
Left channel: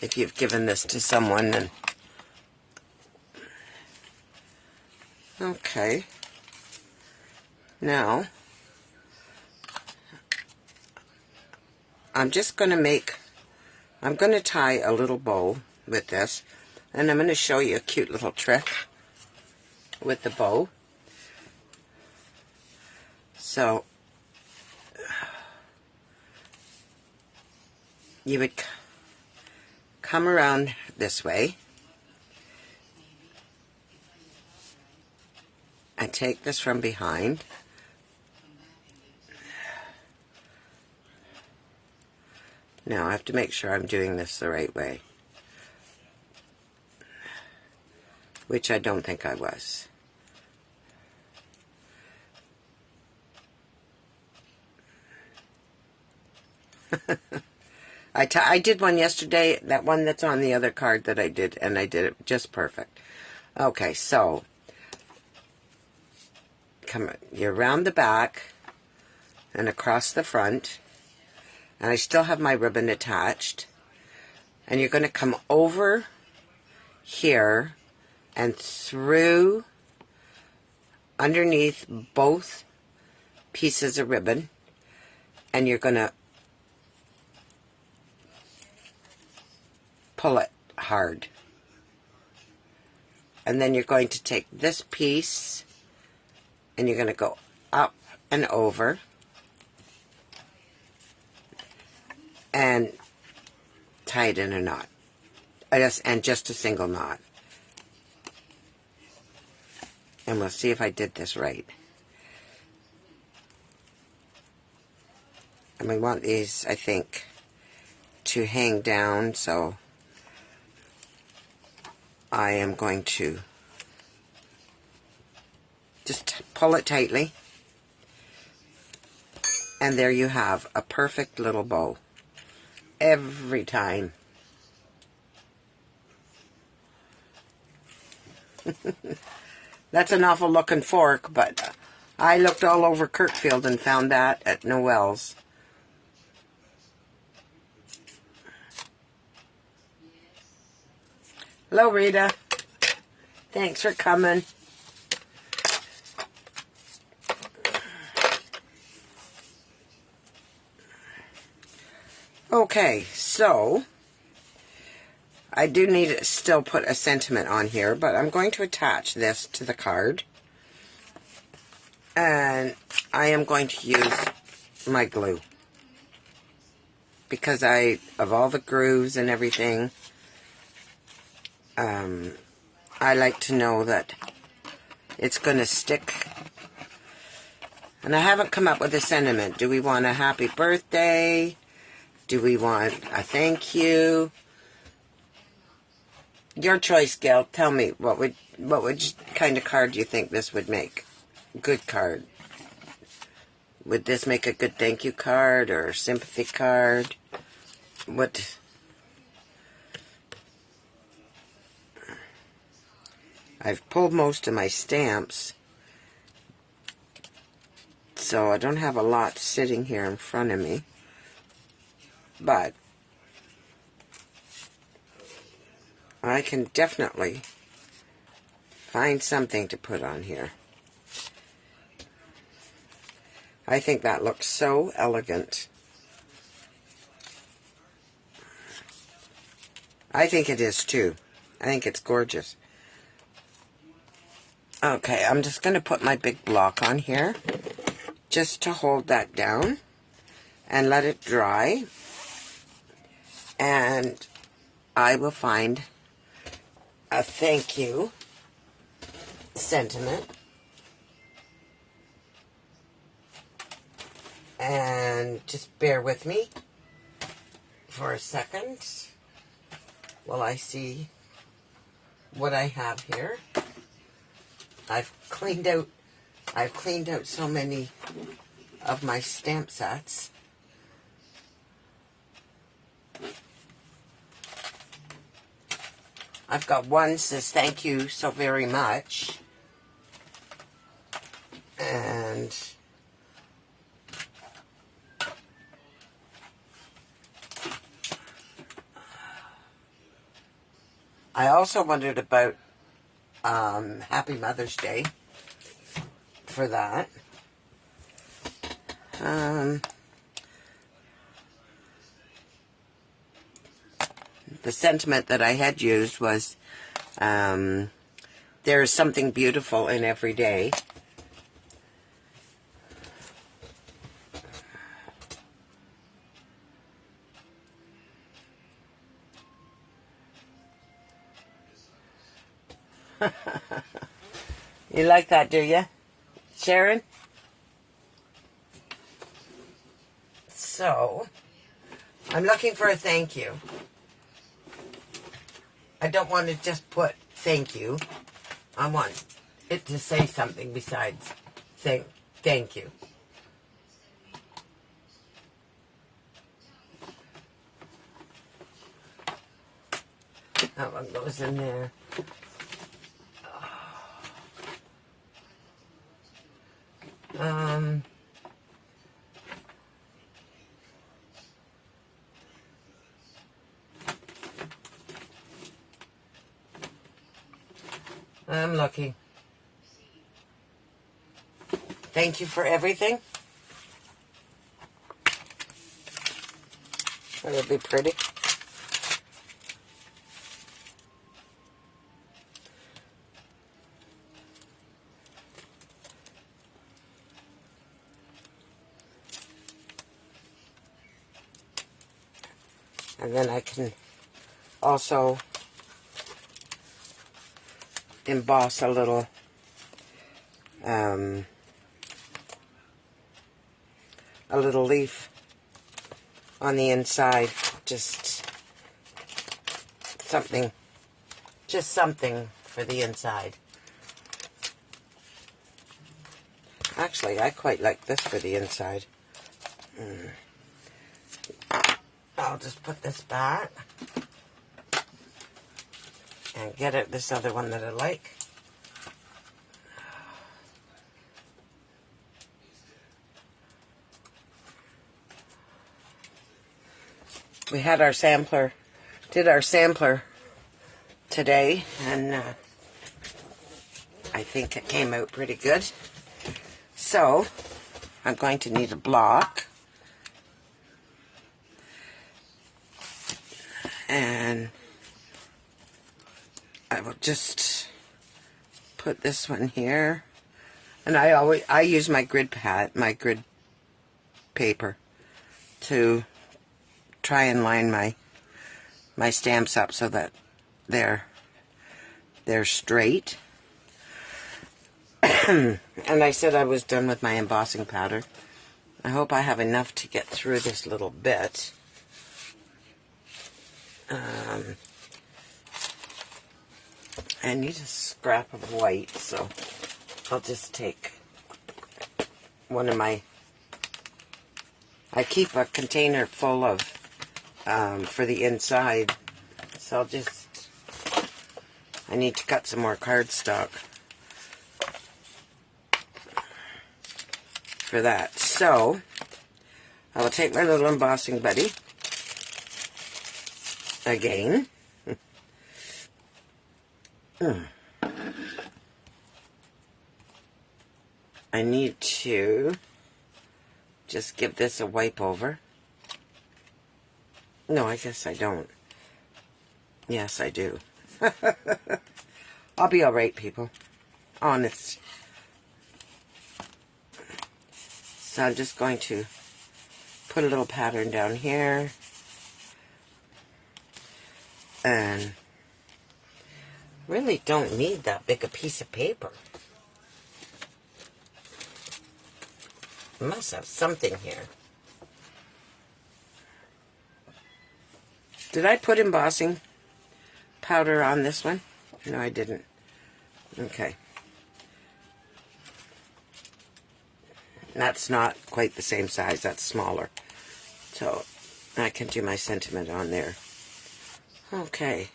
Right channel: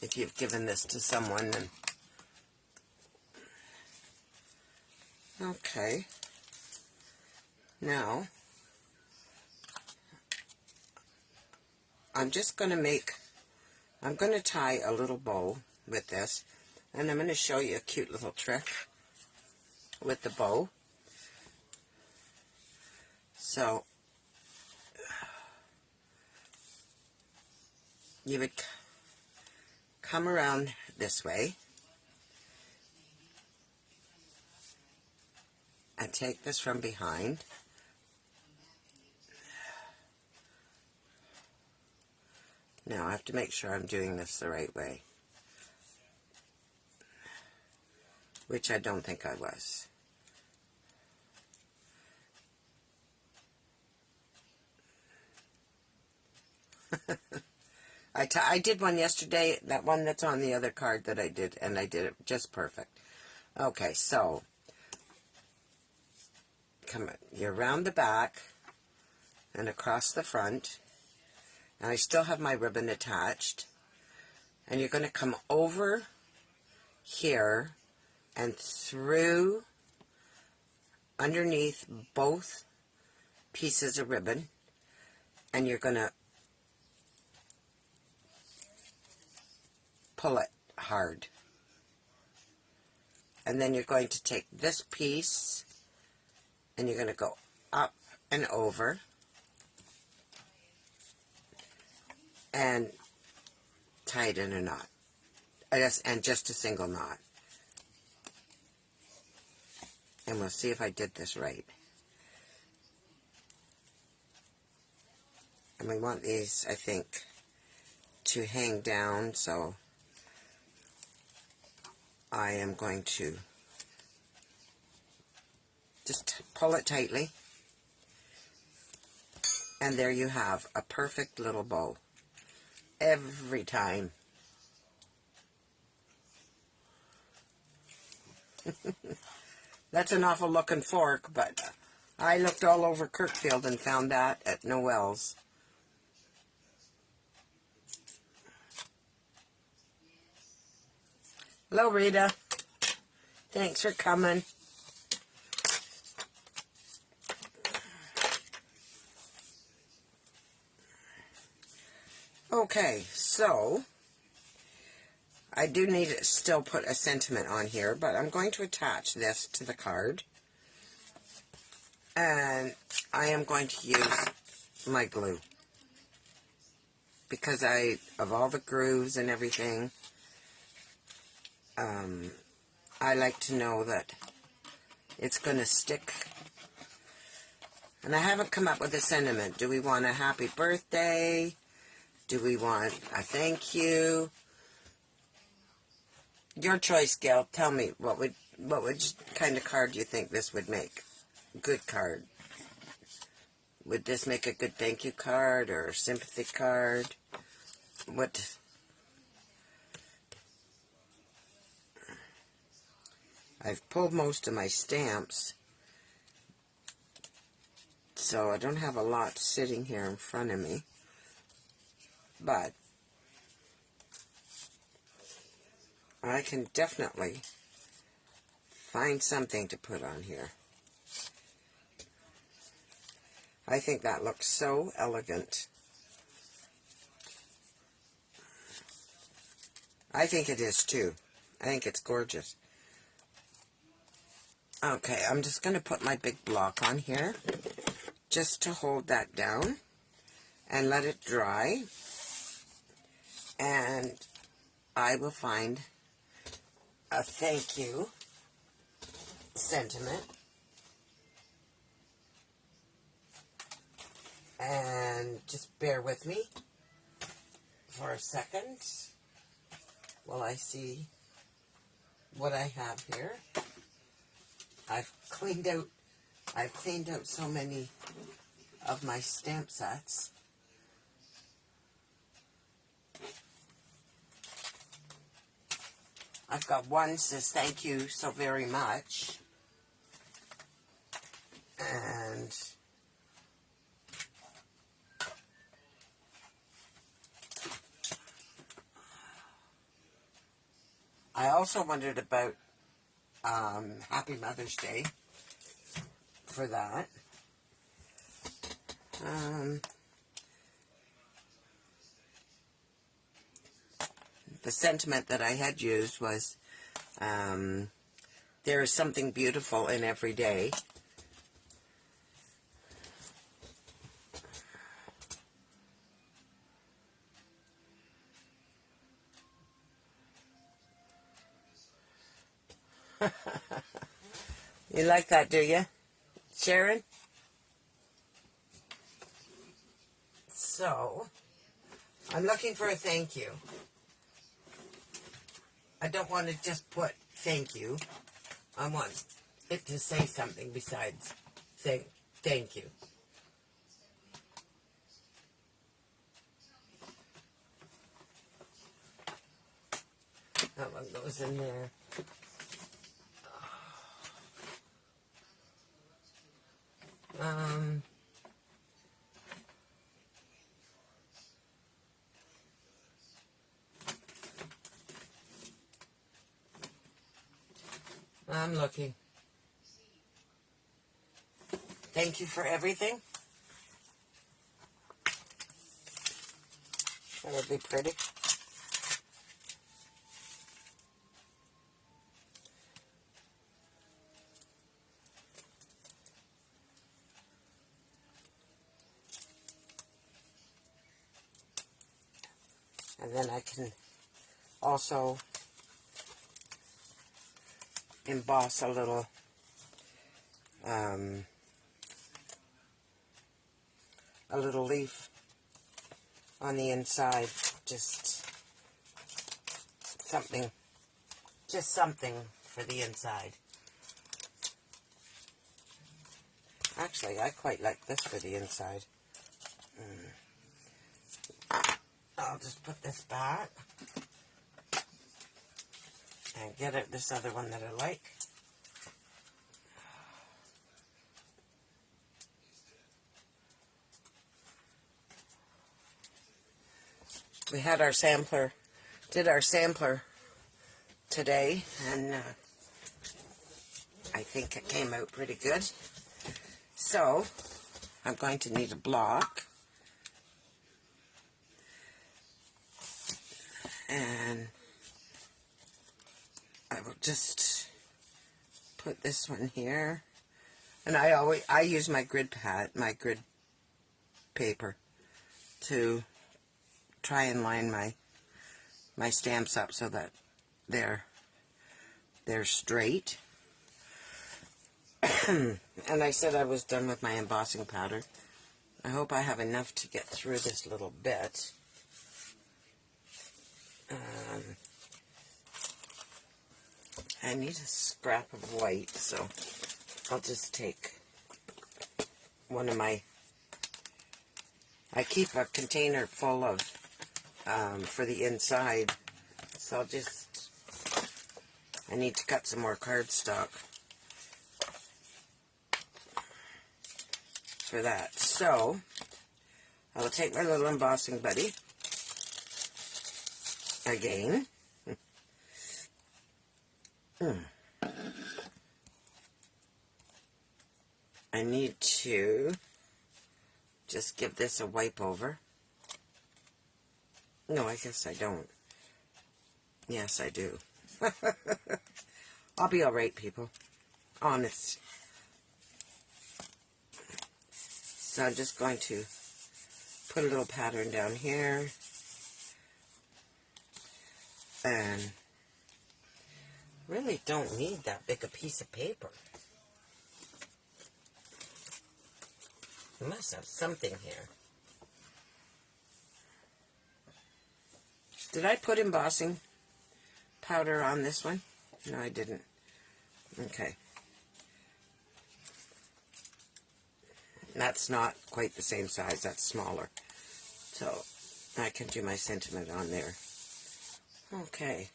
If you've given this to someone, then okay. Now I'm going to tie a little bow with this, and I'm going to show you a cute little trick with the bow. So you would come around this way and take this from behind. Now I have to make sure I'm doing this the right way, which I don't think I was. I did one yesterday, that one that's on the other card that I did, and I did it just perfect. Okay, so you're around the back, and across the front, and I still have my ribbon attached, and you're going to come over here and through underneath both pieces of ribbon, and you're going to pull it hard. And then you're going to take this piece and you're going to go up and over and tie it in a knot. And just a single knot. And we'll see if I did this right. And we want these, I think, to hang down, so I am going to just pull it tightly. And there you have a perfect little bow. Every time. That's an awful looking fork, but I looked all over Kirkfield and found that at Noel's. Hello, Rita. Thanks for coming. Okay, so I do need to still put a sentiment on here, but I'm going to attach this to the card. And I am going to use my glue. Because of all the grooves and everything, I like to know that it's going to stick. And I haven't come up with a sentiment. Do we want a happy birthday? Do we want a thank you? Your choice, Gail. Tell me, what kind of card do you think this would make? Good card. Would this make a good thank you card or sympathy card? What? I've pulled most of my stamps, so I don't have a lot sitting here in front of me. But I can definitely find something to put on here. I think that looks so elegant. I think it is too. I think it's gorgeous. Okay, I'm just going to put my big block on here just to hold that down and let it dry. And I will find a thank you sentiment. And just bear with me for a second while I see what I have here. I've cleaned out so many of my stamp sets. I've got one that says thank you so very much. And I also wondered about Happy Mother's Day for that. The sentiment that I had used was, there is something beautiful in every day. You like that, do you, Sharon? So, I'm looking for a thank you. I don't want to just put thank you. I want it to say something besides saying thank you. That one goes in there. I'm looking. Thank you for everything. That would be pretty. And then I can also emboss a little leaf on the inside. Just something for the inside. Actually, I quite like this for the inside. I'll just put this back and get it this other one that I like. We had our sampler, did our sampler today, and I think it came out pretty good. So, I'm going to need a block. And I will just put this one here. And I use my grid paper to try and line my stamps up so that they're straight. And I said I was done with my embossing powder. I hope I have enough to get through this little bit. I need a scrap of white, so I'll just take one of my... I keep a container full of for the inside, so I'll just... I need to cut some more cardstock for that. So, I will take my little embossing buddy again. I need to just give this a wipe over. No, I guess I don't. Yes, I do. I'll be alright, people. Honest. So I'm just going to put a little pattern down here. And really don't need that big a piece of paper. I must have something here. Did I put embossing powder on this one? No, I didn't. Okay. That's not quite the same size. That's smaller. So I can do my sentiment on there. Okay.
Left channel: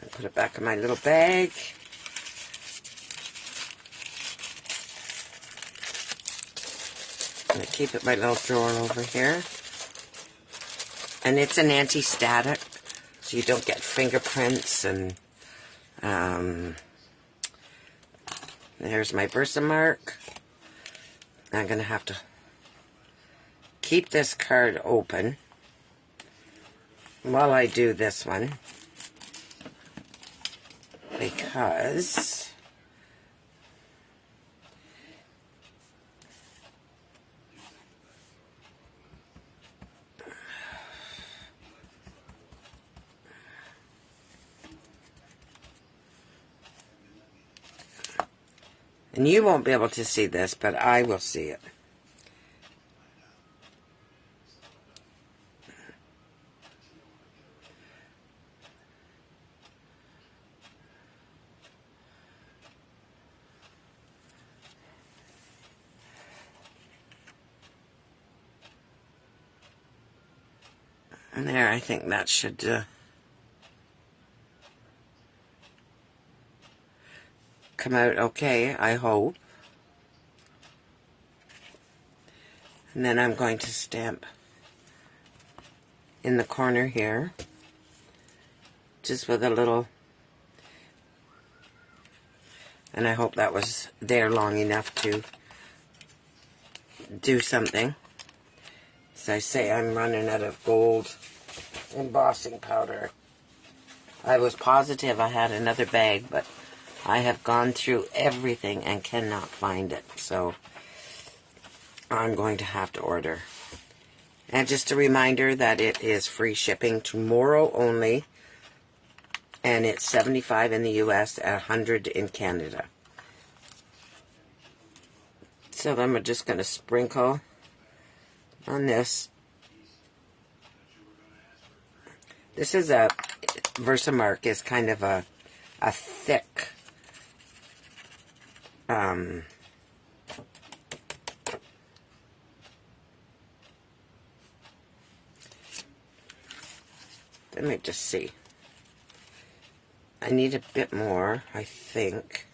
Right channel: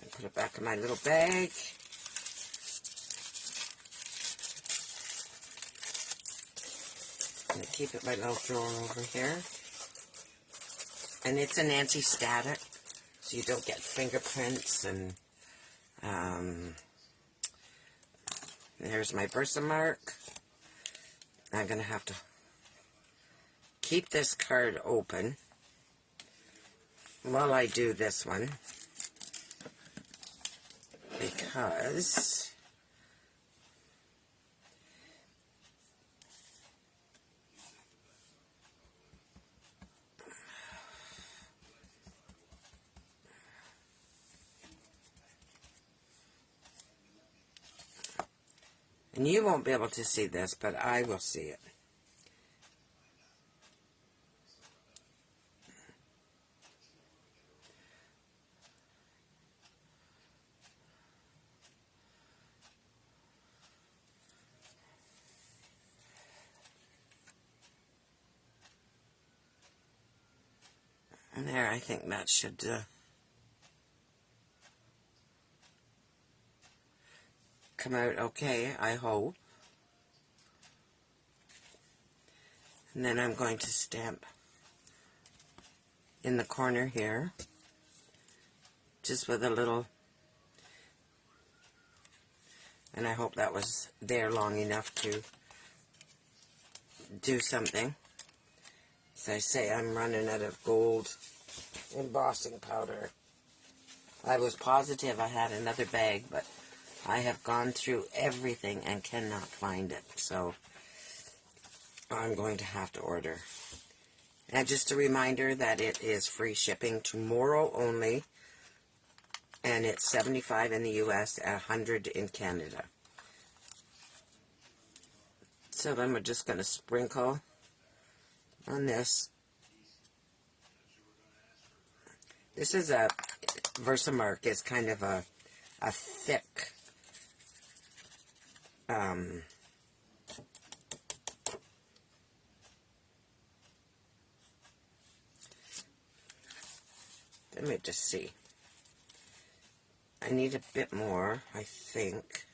I'll put it back in my little bag. I'm going to keep it in my little drawer over here. And it's an anti-static, so you don't get fingerprints. And there's my Versamark. I'm going to have to keep this card open while I do this one, because and you won't be able to see this, but I will see it. And there, I think that should come out okay, I hope. And then I'm going to stamp in the corner here, just with a little And I hope that was there long enough to do something. As I say, I'm running out of gold embossing powder. I was positive I had another bag, but I have gone through everything and cannot find it. So I'm going to have to order. And just a reminder that it is free shipping tomorrow only. And it's $75 in the US, $100 in Canada. So then we're just going to sprinkle on this. This is a Versamark, is kind of a thick let me just see. I need a bit more, I think.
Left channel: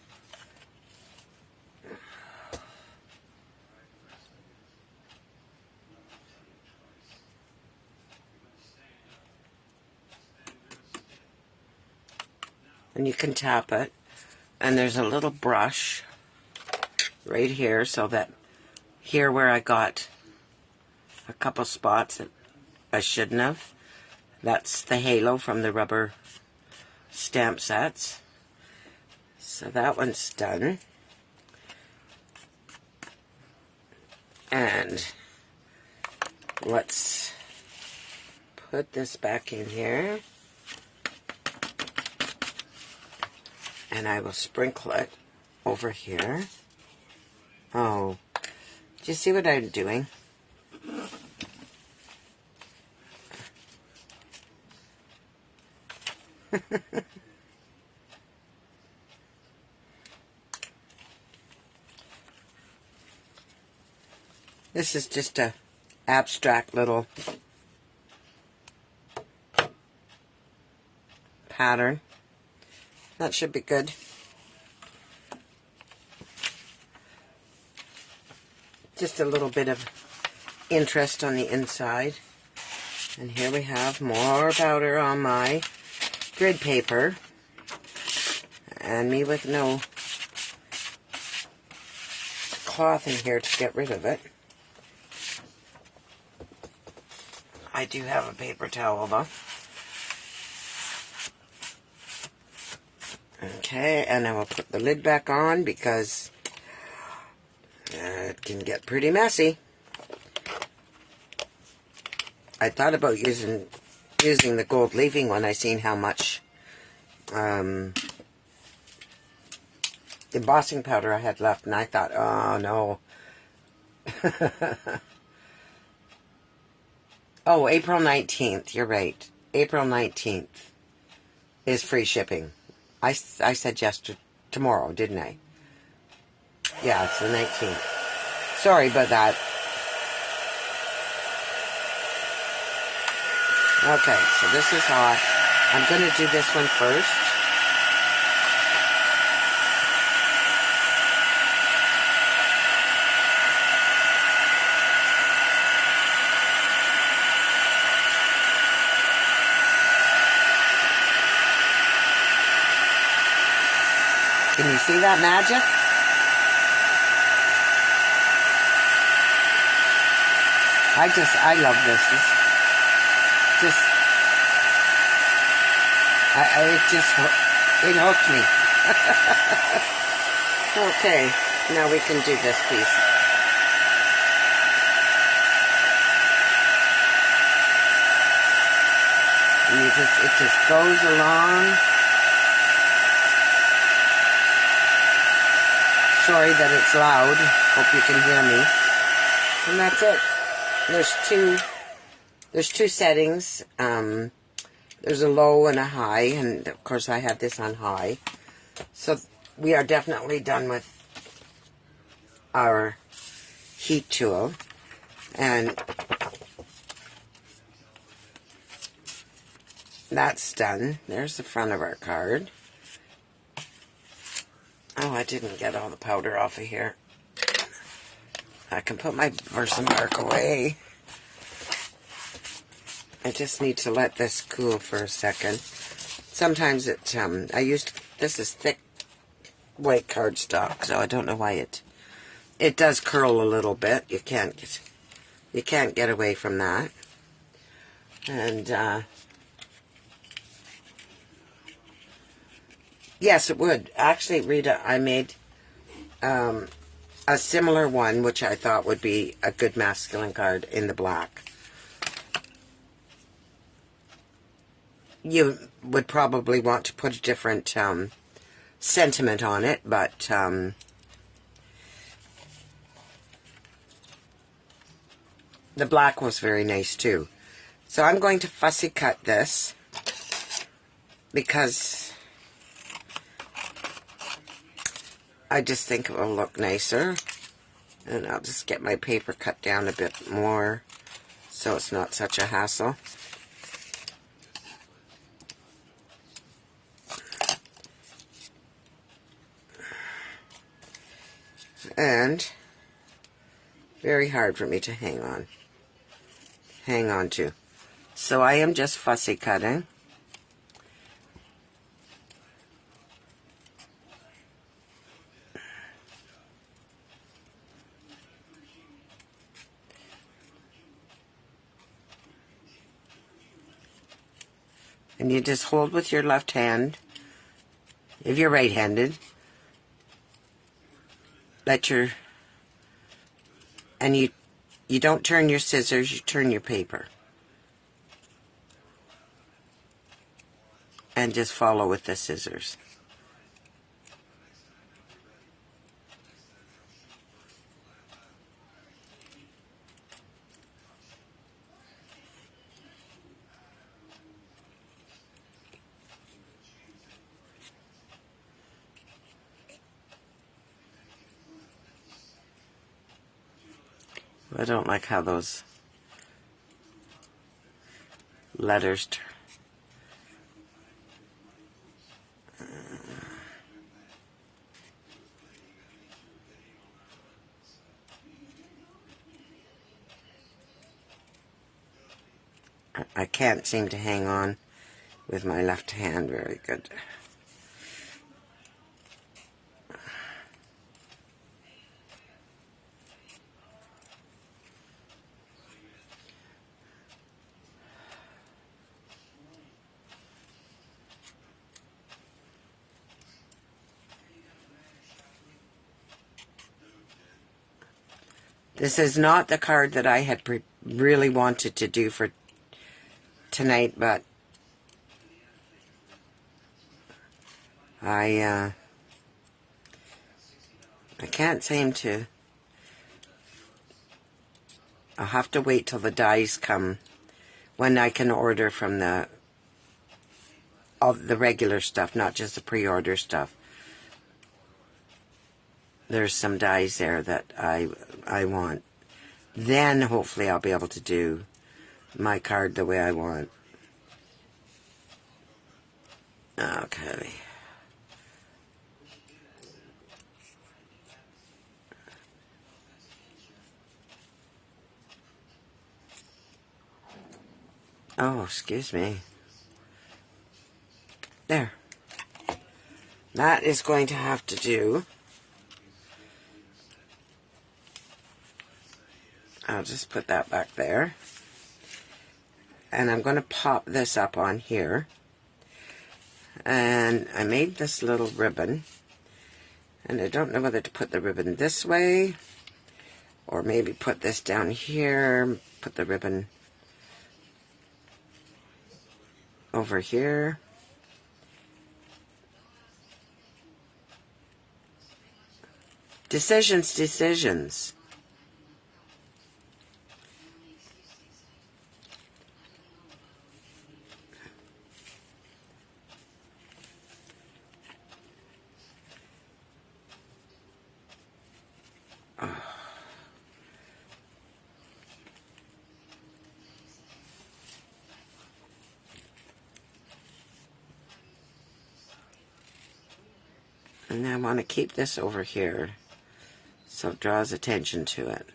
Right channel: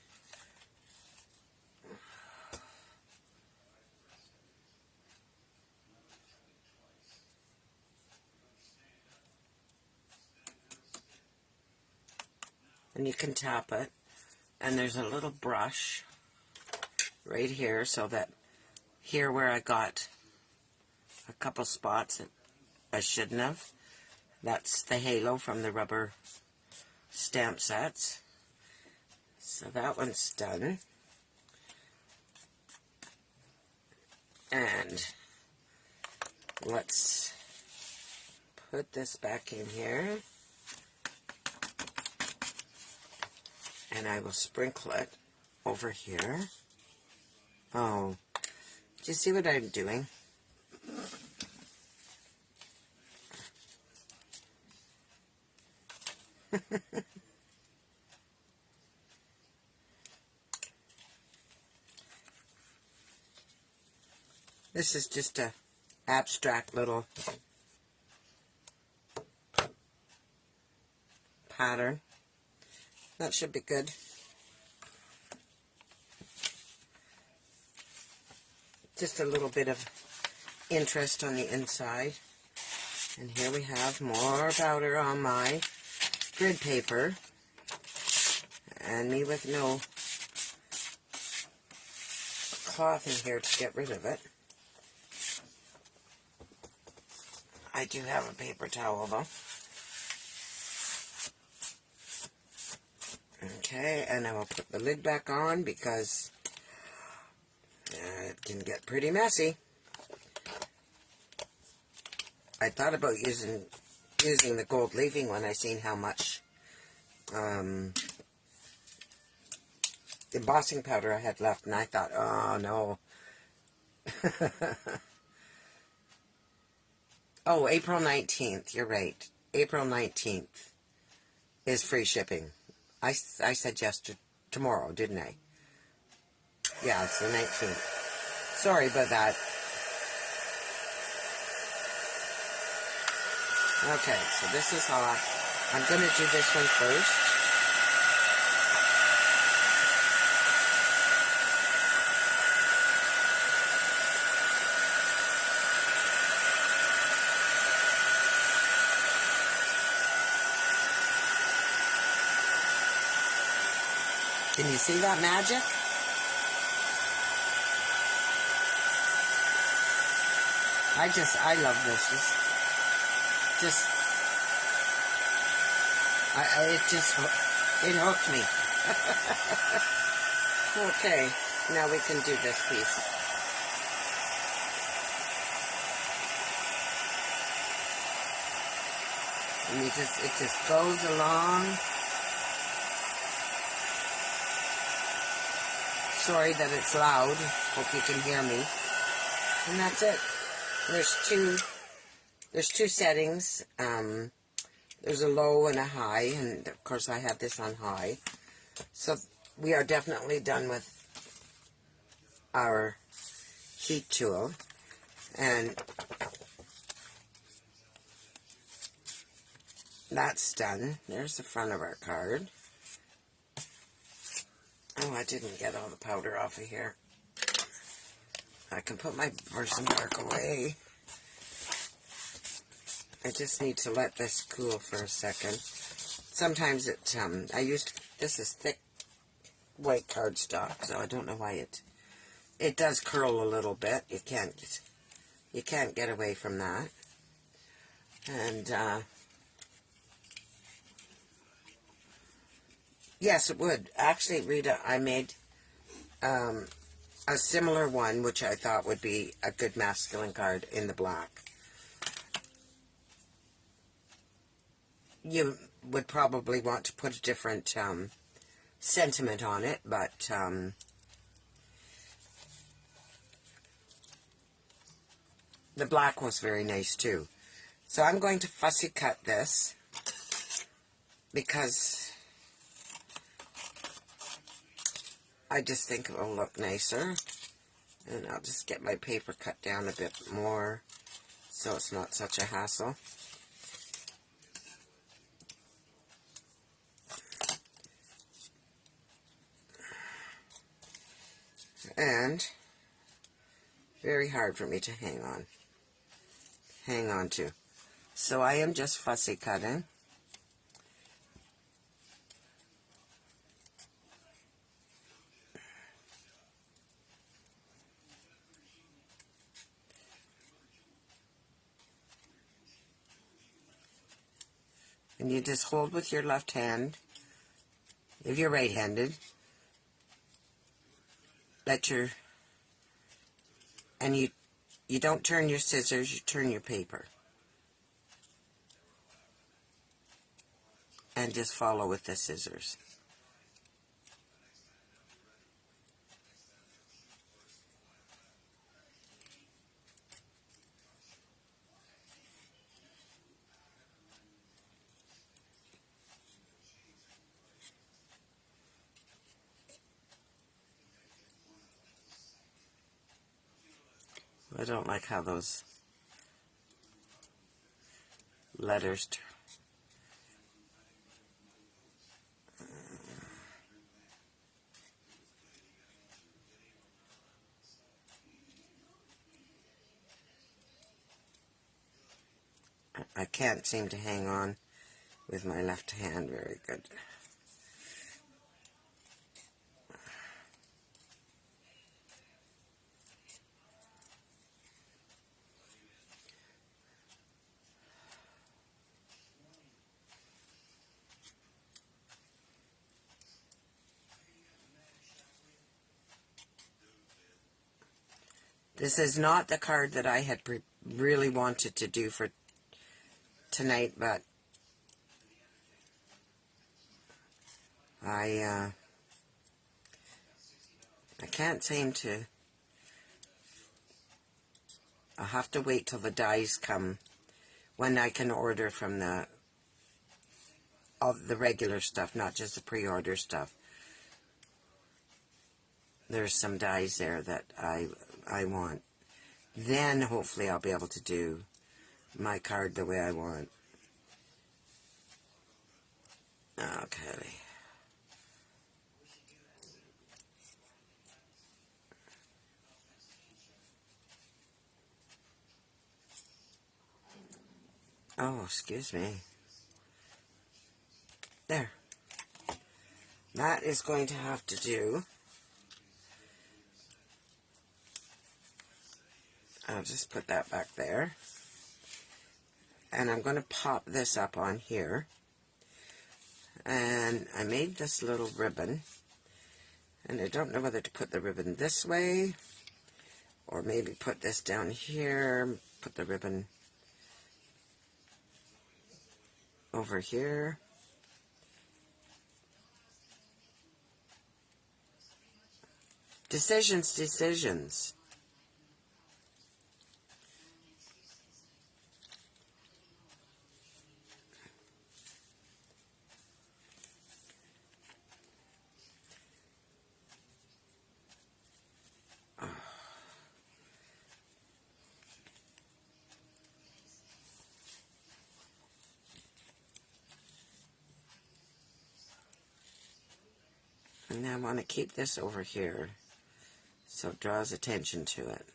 And you can tap it. And there's a little brush right here, so that here where I got a couple spots that I shouldn't have, that's the halo from the rubber stamp sets. So that one's done. And let's put this back in here. And I will sprinkle it over here. Oh, do you see what I'm doing? This is just a abstract little pattern. That should be good. Just a little bit of interest on the inside. And here we have more powder on my grid paper. And me with no cloth in here to get rid of it. I do have a paper towel though. Okay, and I will put the lid back on because it can get pretty messy. I thought about using the gold leafing when I seen how much embossing powder I had left, and I thought, oh no. Oh, April 19th, you're right. April 19th is free shipping. I said tomorrow, didn't I? Yeah, it's the 19th. Sorry about that. Okay, so this is how I'm going to do this one first. Can you see that magic? I love this. It hooked me. Okay, now we can do this piece. And it just goes along. Sorry that it's loud. Hope you can hear me. And that's it. There's two settings. There's a low and a high, and of course I have this on high. So we are definitely done with our heat tool. And that's done. There's the front of our card. Oh, I didn't get all the powder off of here. I can put my Versamark away. I just need to let this cool for a second. Sometimes this is thick white cardstock, so I don't know why it does curl a little bit. You can't get away from that. And yes, it would. Actually, Rita, I made a similar one, which I thought would be a good masculine card in the black. You would probably want to put a different sentiment on it, but the black was very nice too. So I'm going to fussy cut this because I just think it will look nicer. And I'll just get my paper cut down a bit more so it's not such a hassle. And very hard for me to hang on to. So I am just fussy cutting. And you just hold with your left hand. If you're right-handed, and you don't turn your scissors, you turn your paper. And just follow with the scissors. I don't like how those letters I can't seem to hang on with my left hand very good. This is not the card that I had really wanted to do for tonight, but I can't seem to. I'll have to wait till the dies come when I can order from all the regular stuff, not just the pre-order stuff. There's some dies there that I want. Then hopefully I'll be able to do my card the way I want. Okay. Oh, excuse me. There. That is going to have to do. I'll just put that back there. And I'm going to pop this up on here. And I made this little ribbon. And I don't know whether to put the ribbon this way. Or maybe put this down here. Put the ribbon over here. Decisions. And I want to keep this over here so it draws attention to it.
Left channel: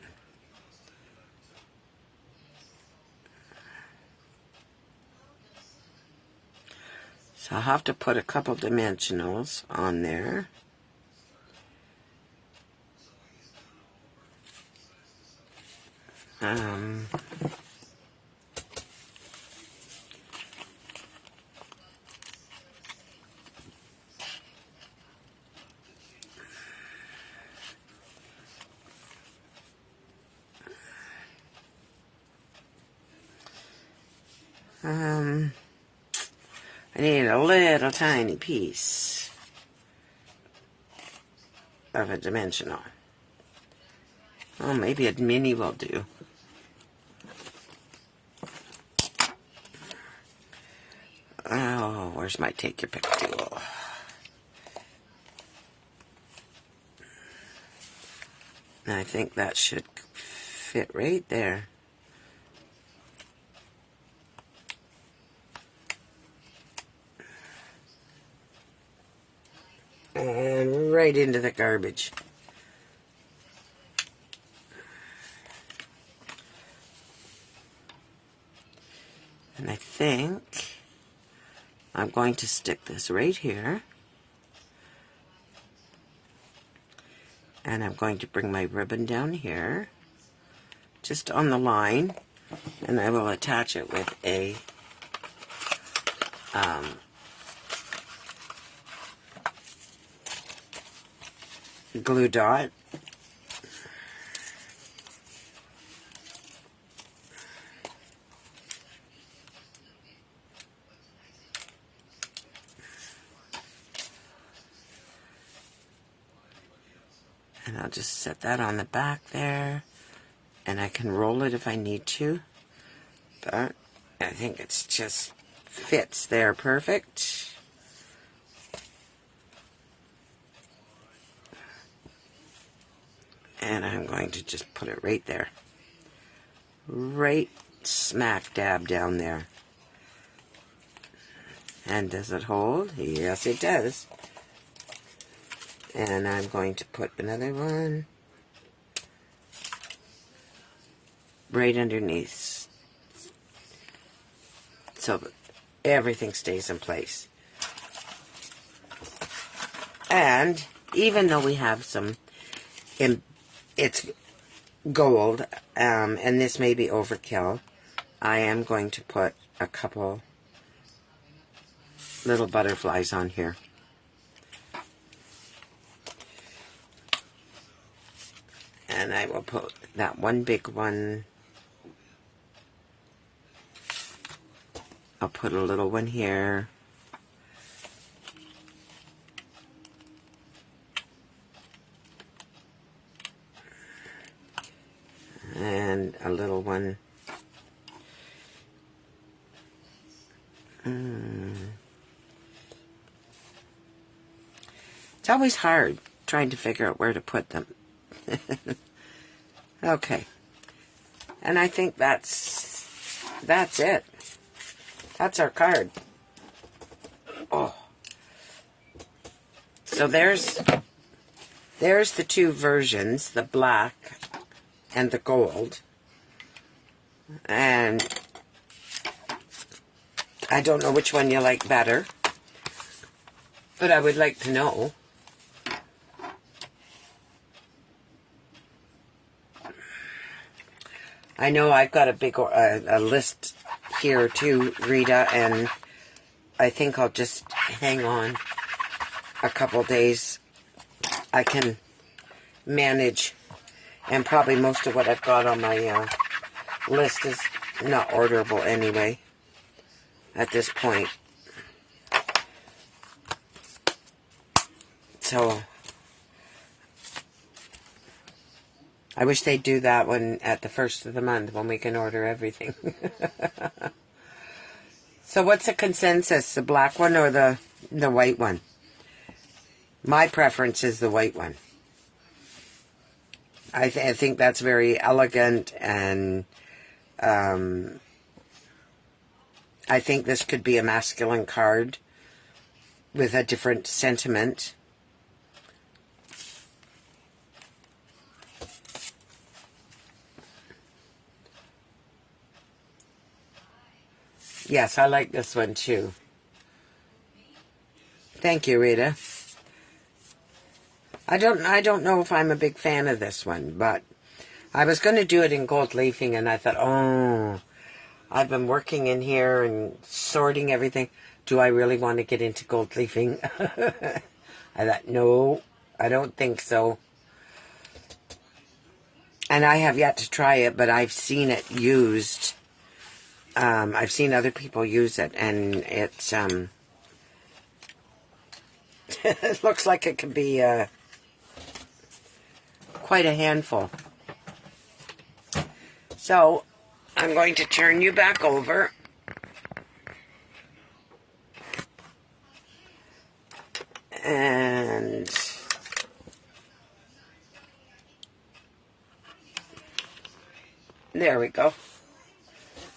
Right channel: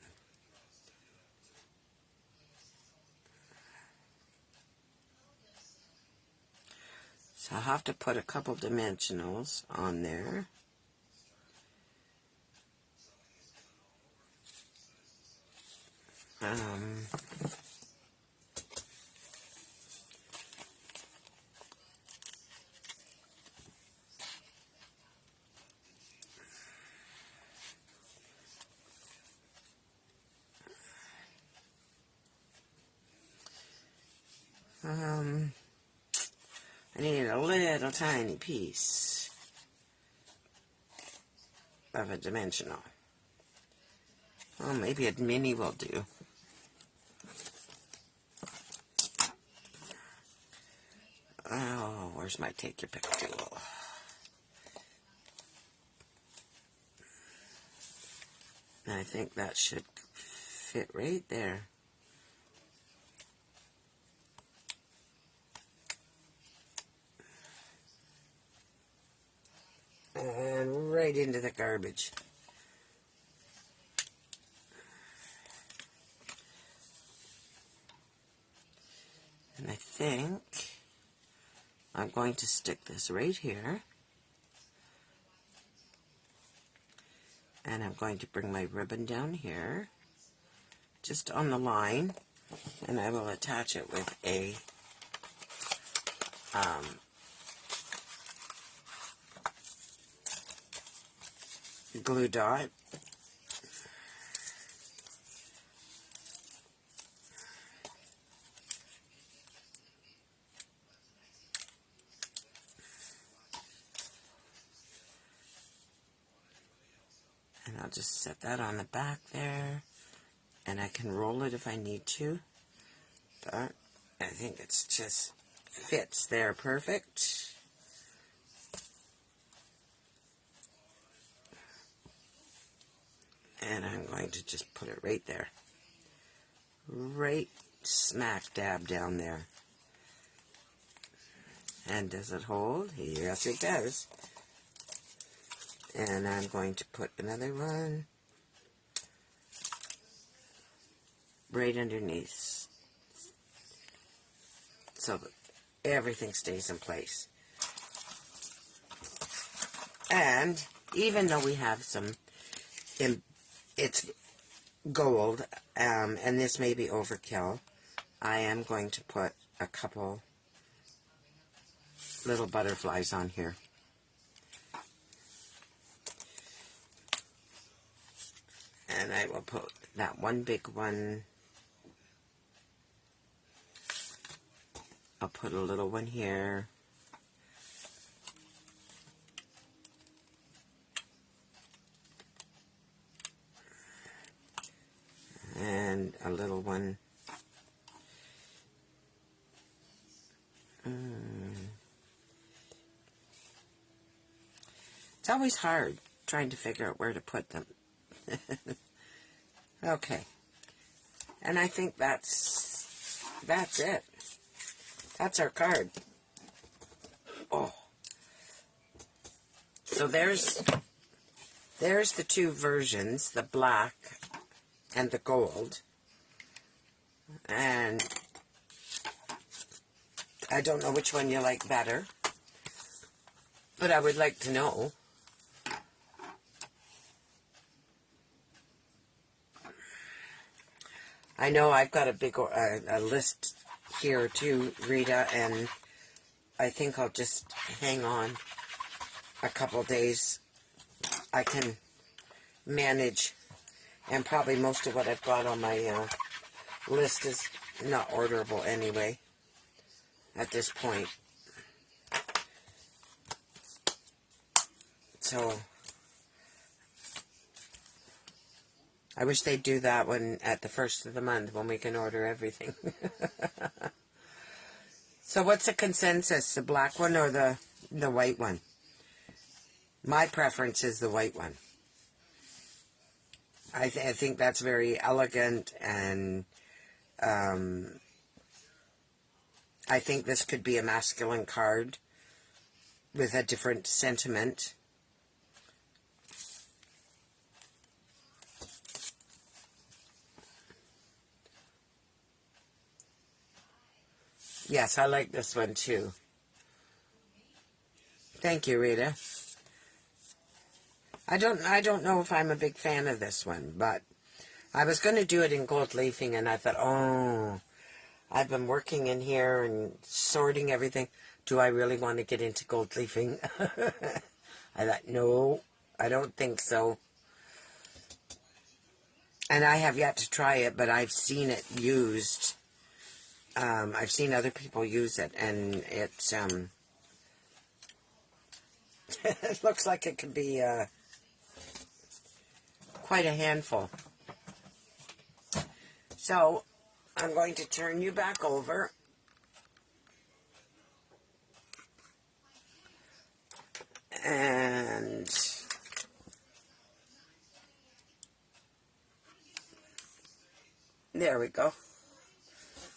So I'll have to put a couple dimensionals on there. Um, I need a little tiny piece of a dimensional. Oh, maybe a mini will do. Oh, where's my take your pick tool? I think that should fit right there. And right into the garbage. And I think I'm going to stick this right here. And I'm going to bring my ribbon down here, just on the line, and I will attach it with a glue dot. And I'll just set that on the back there, and I can roll it if I need to, but I think it's just fits there perfect. And I'm going to just put it right there. Right smack dab down there. And does it hold? Yes, it does. And I'm going to put another one right underneath, so that everything stays in place. And even though we have some, it's gold, and this may be overkill, I am going to put a couple little butterflies on here. And I will put that one big one. I'll put a little one here. And a little one. It's always hard trying to figure out where to put them. Okay. And I think that's it. That's our card. Oh. So there's the two versions, the black and the gold. And I don't know which one you like better, but I would like to know. I know I've got a list here too, Rita, and I think I'll just hang on a couple days. I can manage, and probably most of what I've got on my list is not orderable anyway at this point. So I wish they'd do that one at the first of the month when we can order everything. So what's the consensus, the black one or the white one? My preference is the white one. I think that's very elegant, and I think this could be a masculine card with a different sentiment. Yes, I like this one too. Thank you, Rita. I don't know if I'm a big fan of this one, but I was going to do it in gold leafing, and I thought, oh, I've been working in here and sorting everything. Do I really want to get into gold leafing? I thought, no, I don't think so. And I have yet to try it, but I've seen it used. I've seen other people use it, and it's it looks like it could be quite a handful. So I'm going to turn you back over. And there we go.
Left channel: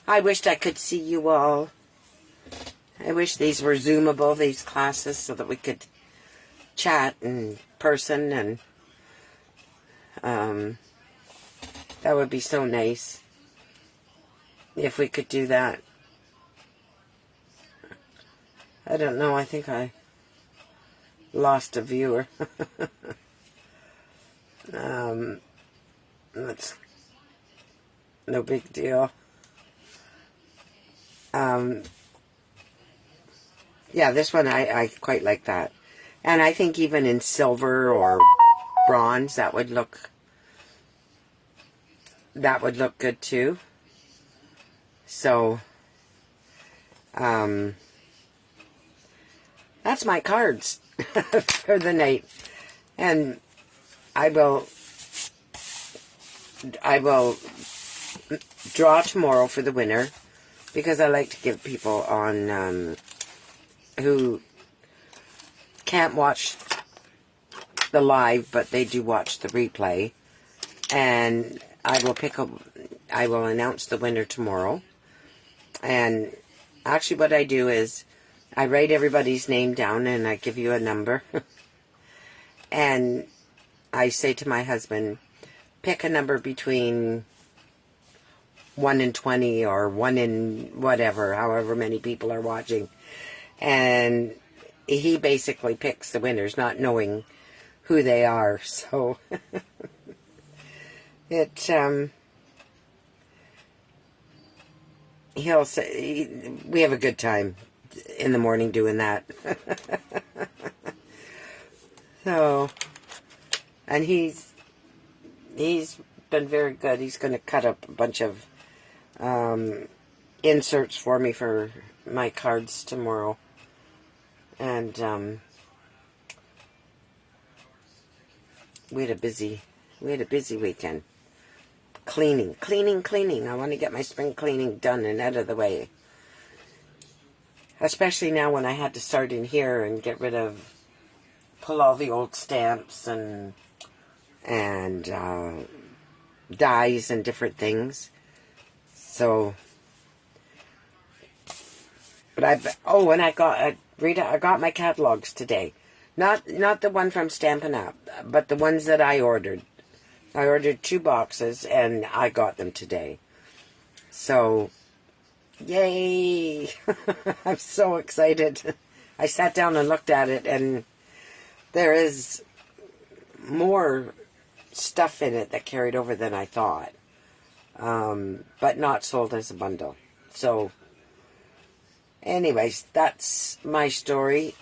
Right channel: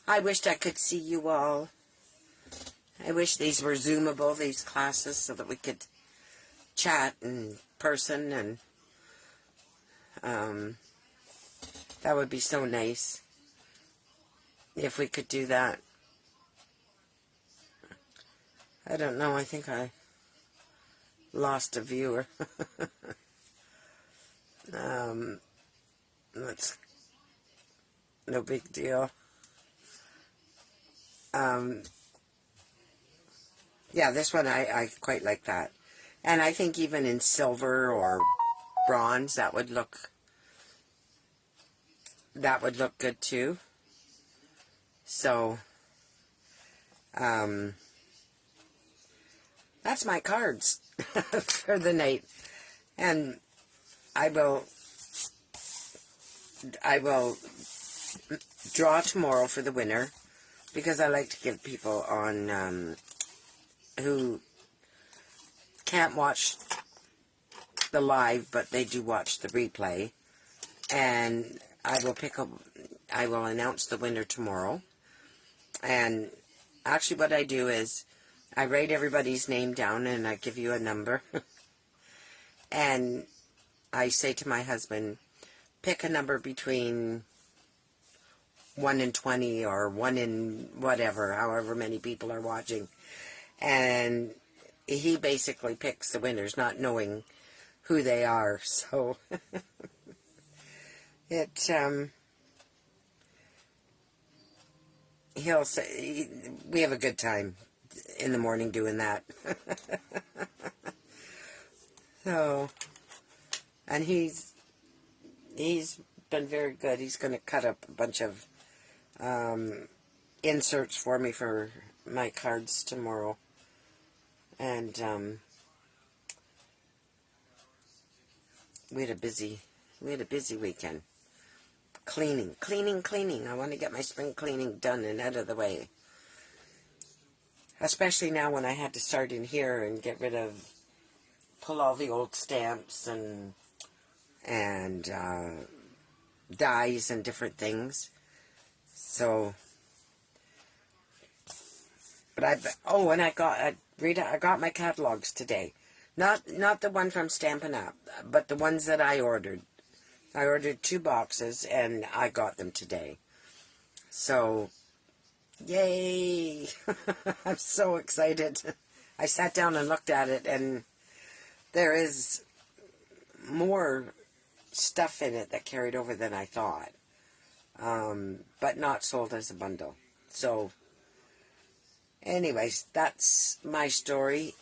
I wished I could see you all. I wish these were Zoomable, these classes, so that we could chat in person, and that would be so nice if we could do that. I don't know, I think I lost a viewer. That's no big deal. Yeah, this one I quite like that. And I think even in silver or bronze, that would look good too. So, that's my cards for the night. And I will draw tomorrow for the winner, because I like to give people on who can't watch the live, but they do watch the replay. And I will announce the winner tomorrow. And actually what I do is I write everybody's name down, and I give you a number. And I say to my husband, pick a number between 1 and 20, or 1 in whatever, however many people are watching. And he basically picks the winners, not knowing who they are. So he'll say, we have a good time in the morning doing that. So, and he's been very good. He's going to cut up a bunch of inserts for me for my cards tomorrow. And we had a busy weekend. Cleaning. I want to get my spring cleaning done and out of the way. Especially now when I had to start in here and pull all the old stamps and dies and different things. So, but I got my catalogs today. Not the one from Stampin' Up, but the ones that I ordered. I ordered 2 boxes, and I got them today. So, yay! I'm so excited. I sat down and looked at it, and there is more stuff in it that carried over than I thought. But not sold as a bundle. So, anyways, that's my story,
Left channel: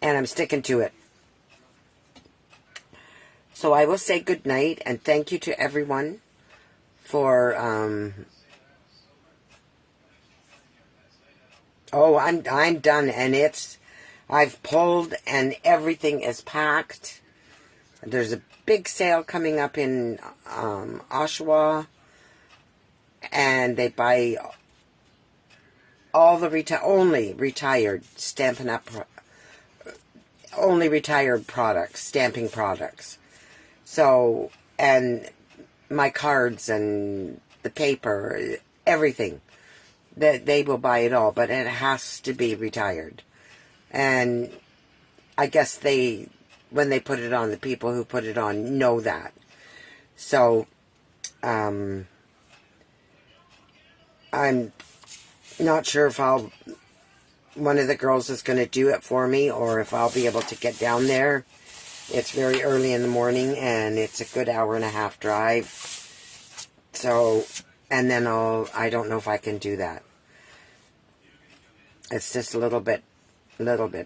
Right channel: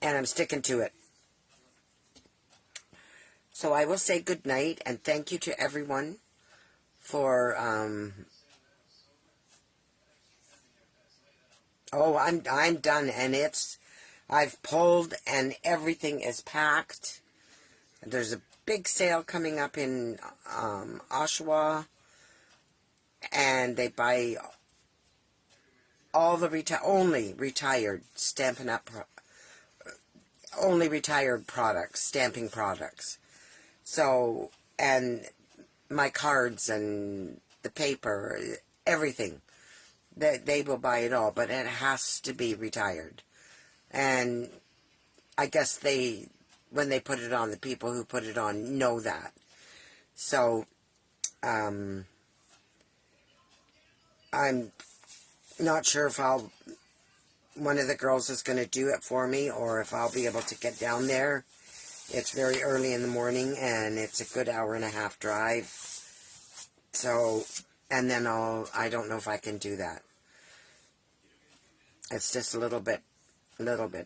and I'm sticking to it. So I will say good night, and thank you to everyone for, oh, I'm done, and I've pulled, and everything is packed. There's a big sale coming up in Oshawa, and they buy all the only retired Stampin' Up, only retired products, stamping products. So, and my cards and the paper, everything, that they will buy it all, but it has to be retired. And I guess when they put it on, the people who put it on know that. So, I'm not sure if one of the girls is going to do it for me, or if I'll be able to get down there It's very early in the morning, and it's a good hour and a half drive. So, and then I don't know if I can do that. It's just a little bit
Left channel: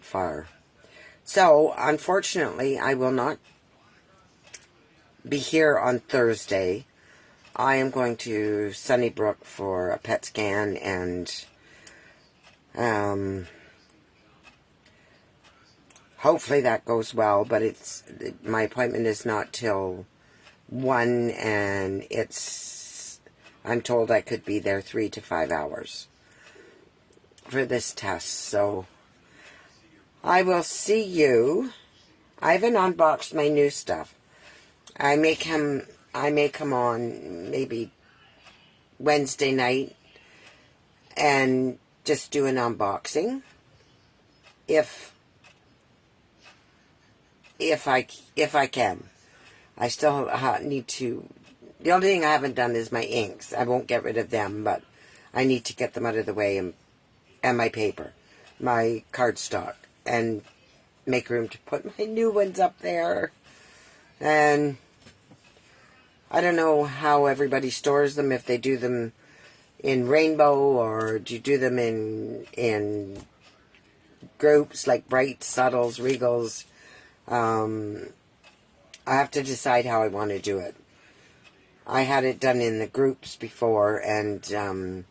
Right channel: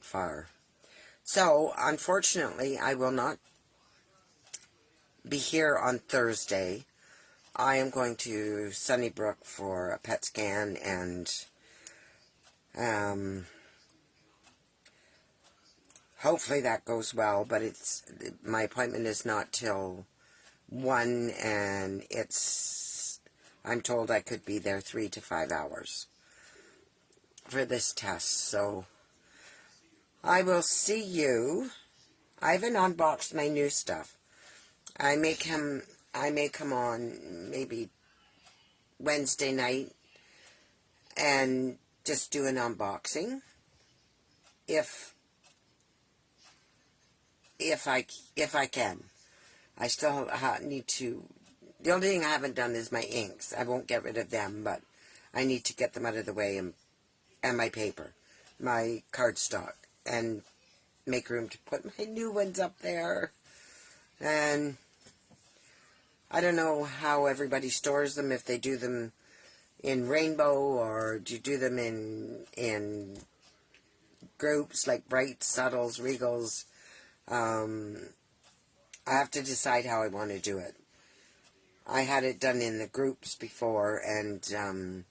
far. So, unfortunately, I will not be here on Thursday. I am going to Sunnybrook for a PET scan, and hopefully that goes well, but my appointment is not till 1, and I'm told I could be there 3 to 5 hours for this test. So I will see you. I haven't unboxed my new stuff. I may come on maybe Wednesday night and just do an unboxing if I can. I still need to. The only thing I haven't done is my inks. I won't get rid of them, but I need to get them out of the way, and my paper, my cardstock, and make room to put my new ones up there. And I don't know how everybody stores them, if they do them in rainbow or do you do them in groups like bright, subtles, regals. I have to decide how I want to do it. I had it done in the groups before, and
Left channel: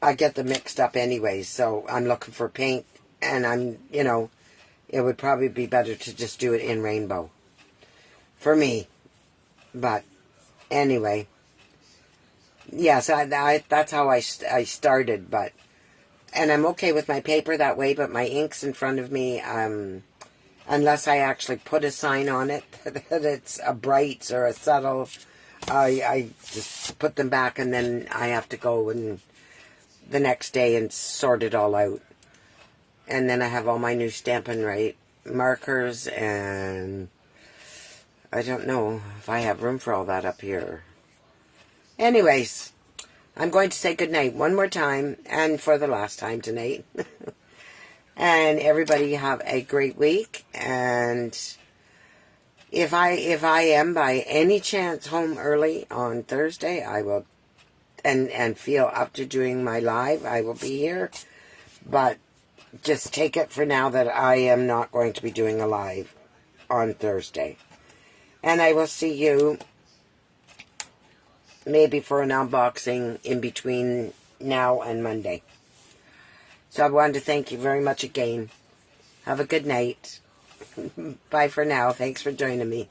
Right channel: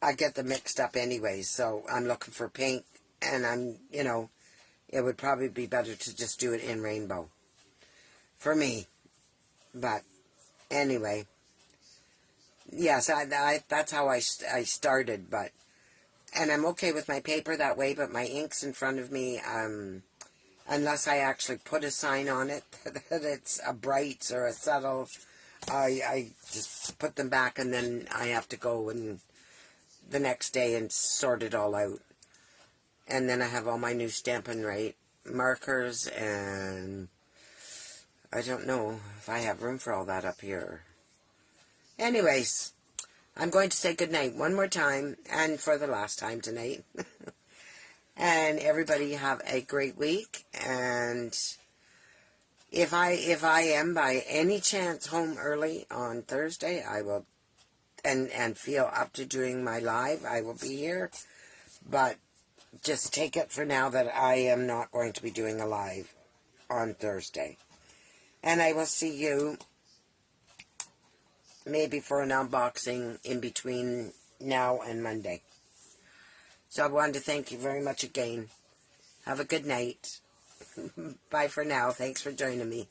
I get them mixed up anyway, so I'm looking for pink, and it would probably be better to just do it in rainbow for me. But anyway, yes, that's how I started, and I'm okay with my paper that way, but my ink's in front of me, unless I actually put a sign on it that it's a bright or a subtle, I just put them back, and then I have to go and the next day and sort it all out. And then I have all my new Stampin' markers, and I don't know if I have room for all that up here. Anyways, I'm going to say goodnight one more time, and for the last time tonight. And everybody have a great week. And if I am by any chance home early on Thursday, I will, and feel up to doing my live, I will be here. But just take it for now that I am not going to be doing a live on Thursday. And I will see you maybe for an unboxing in between now and Monday. So I wanted to thank you very much again. Have a good night. Bye for now. Thanks for joining me.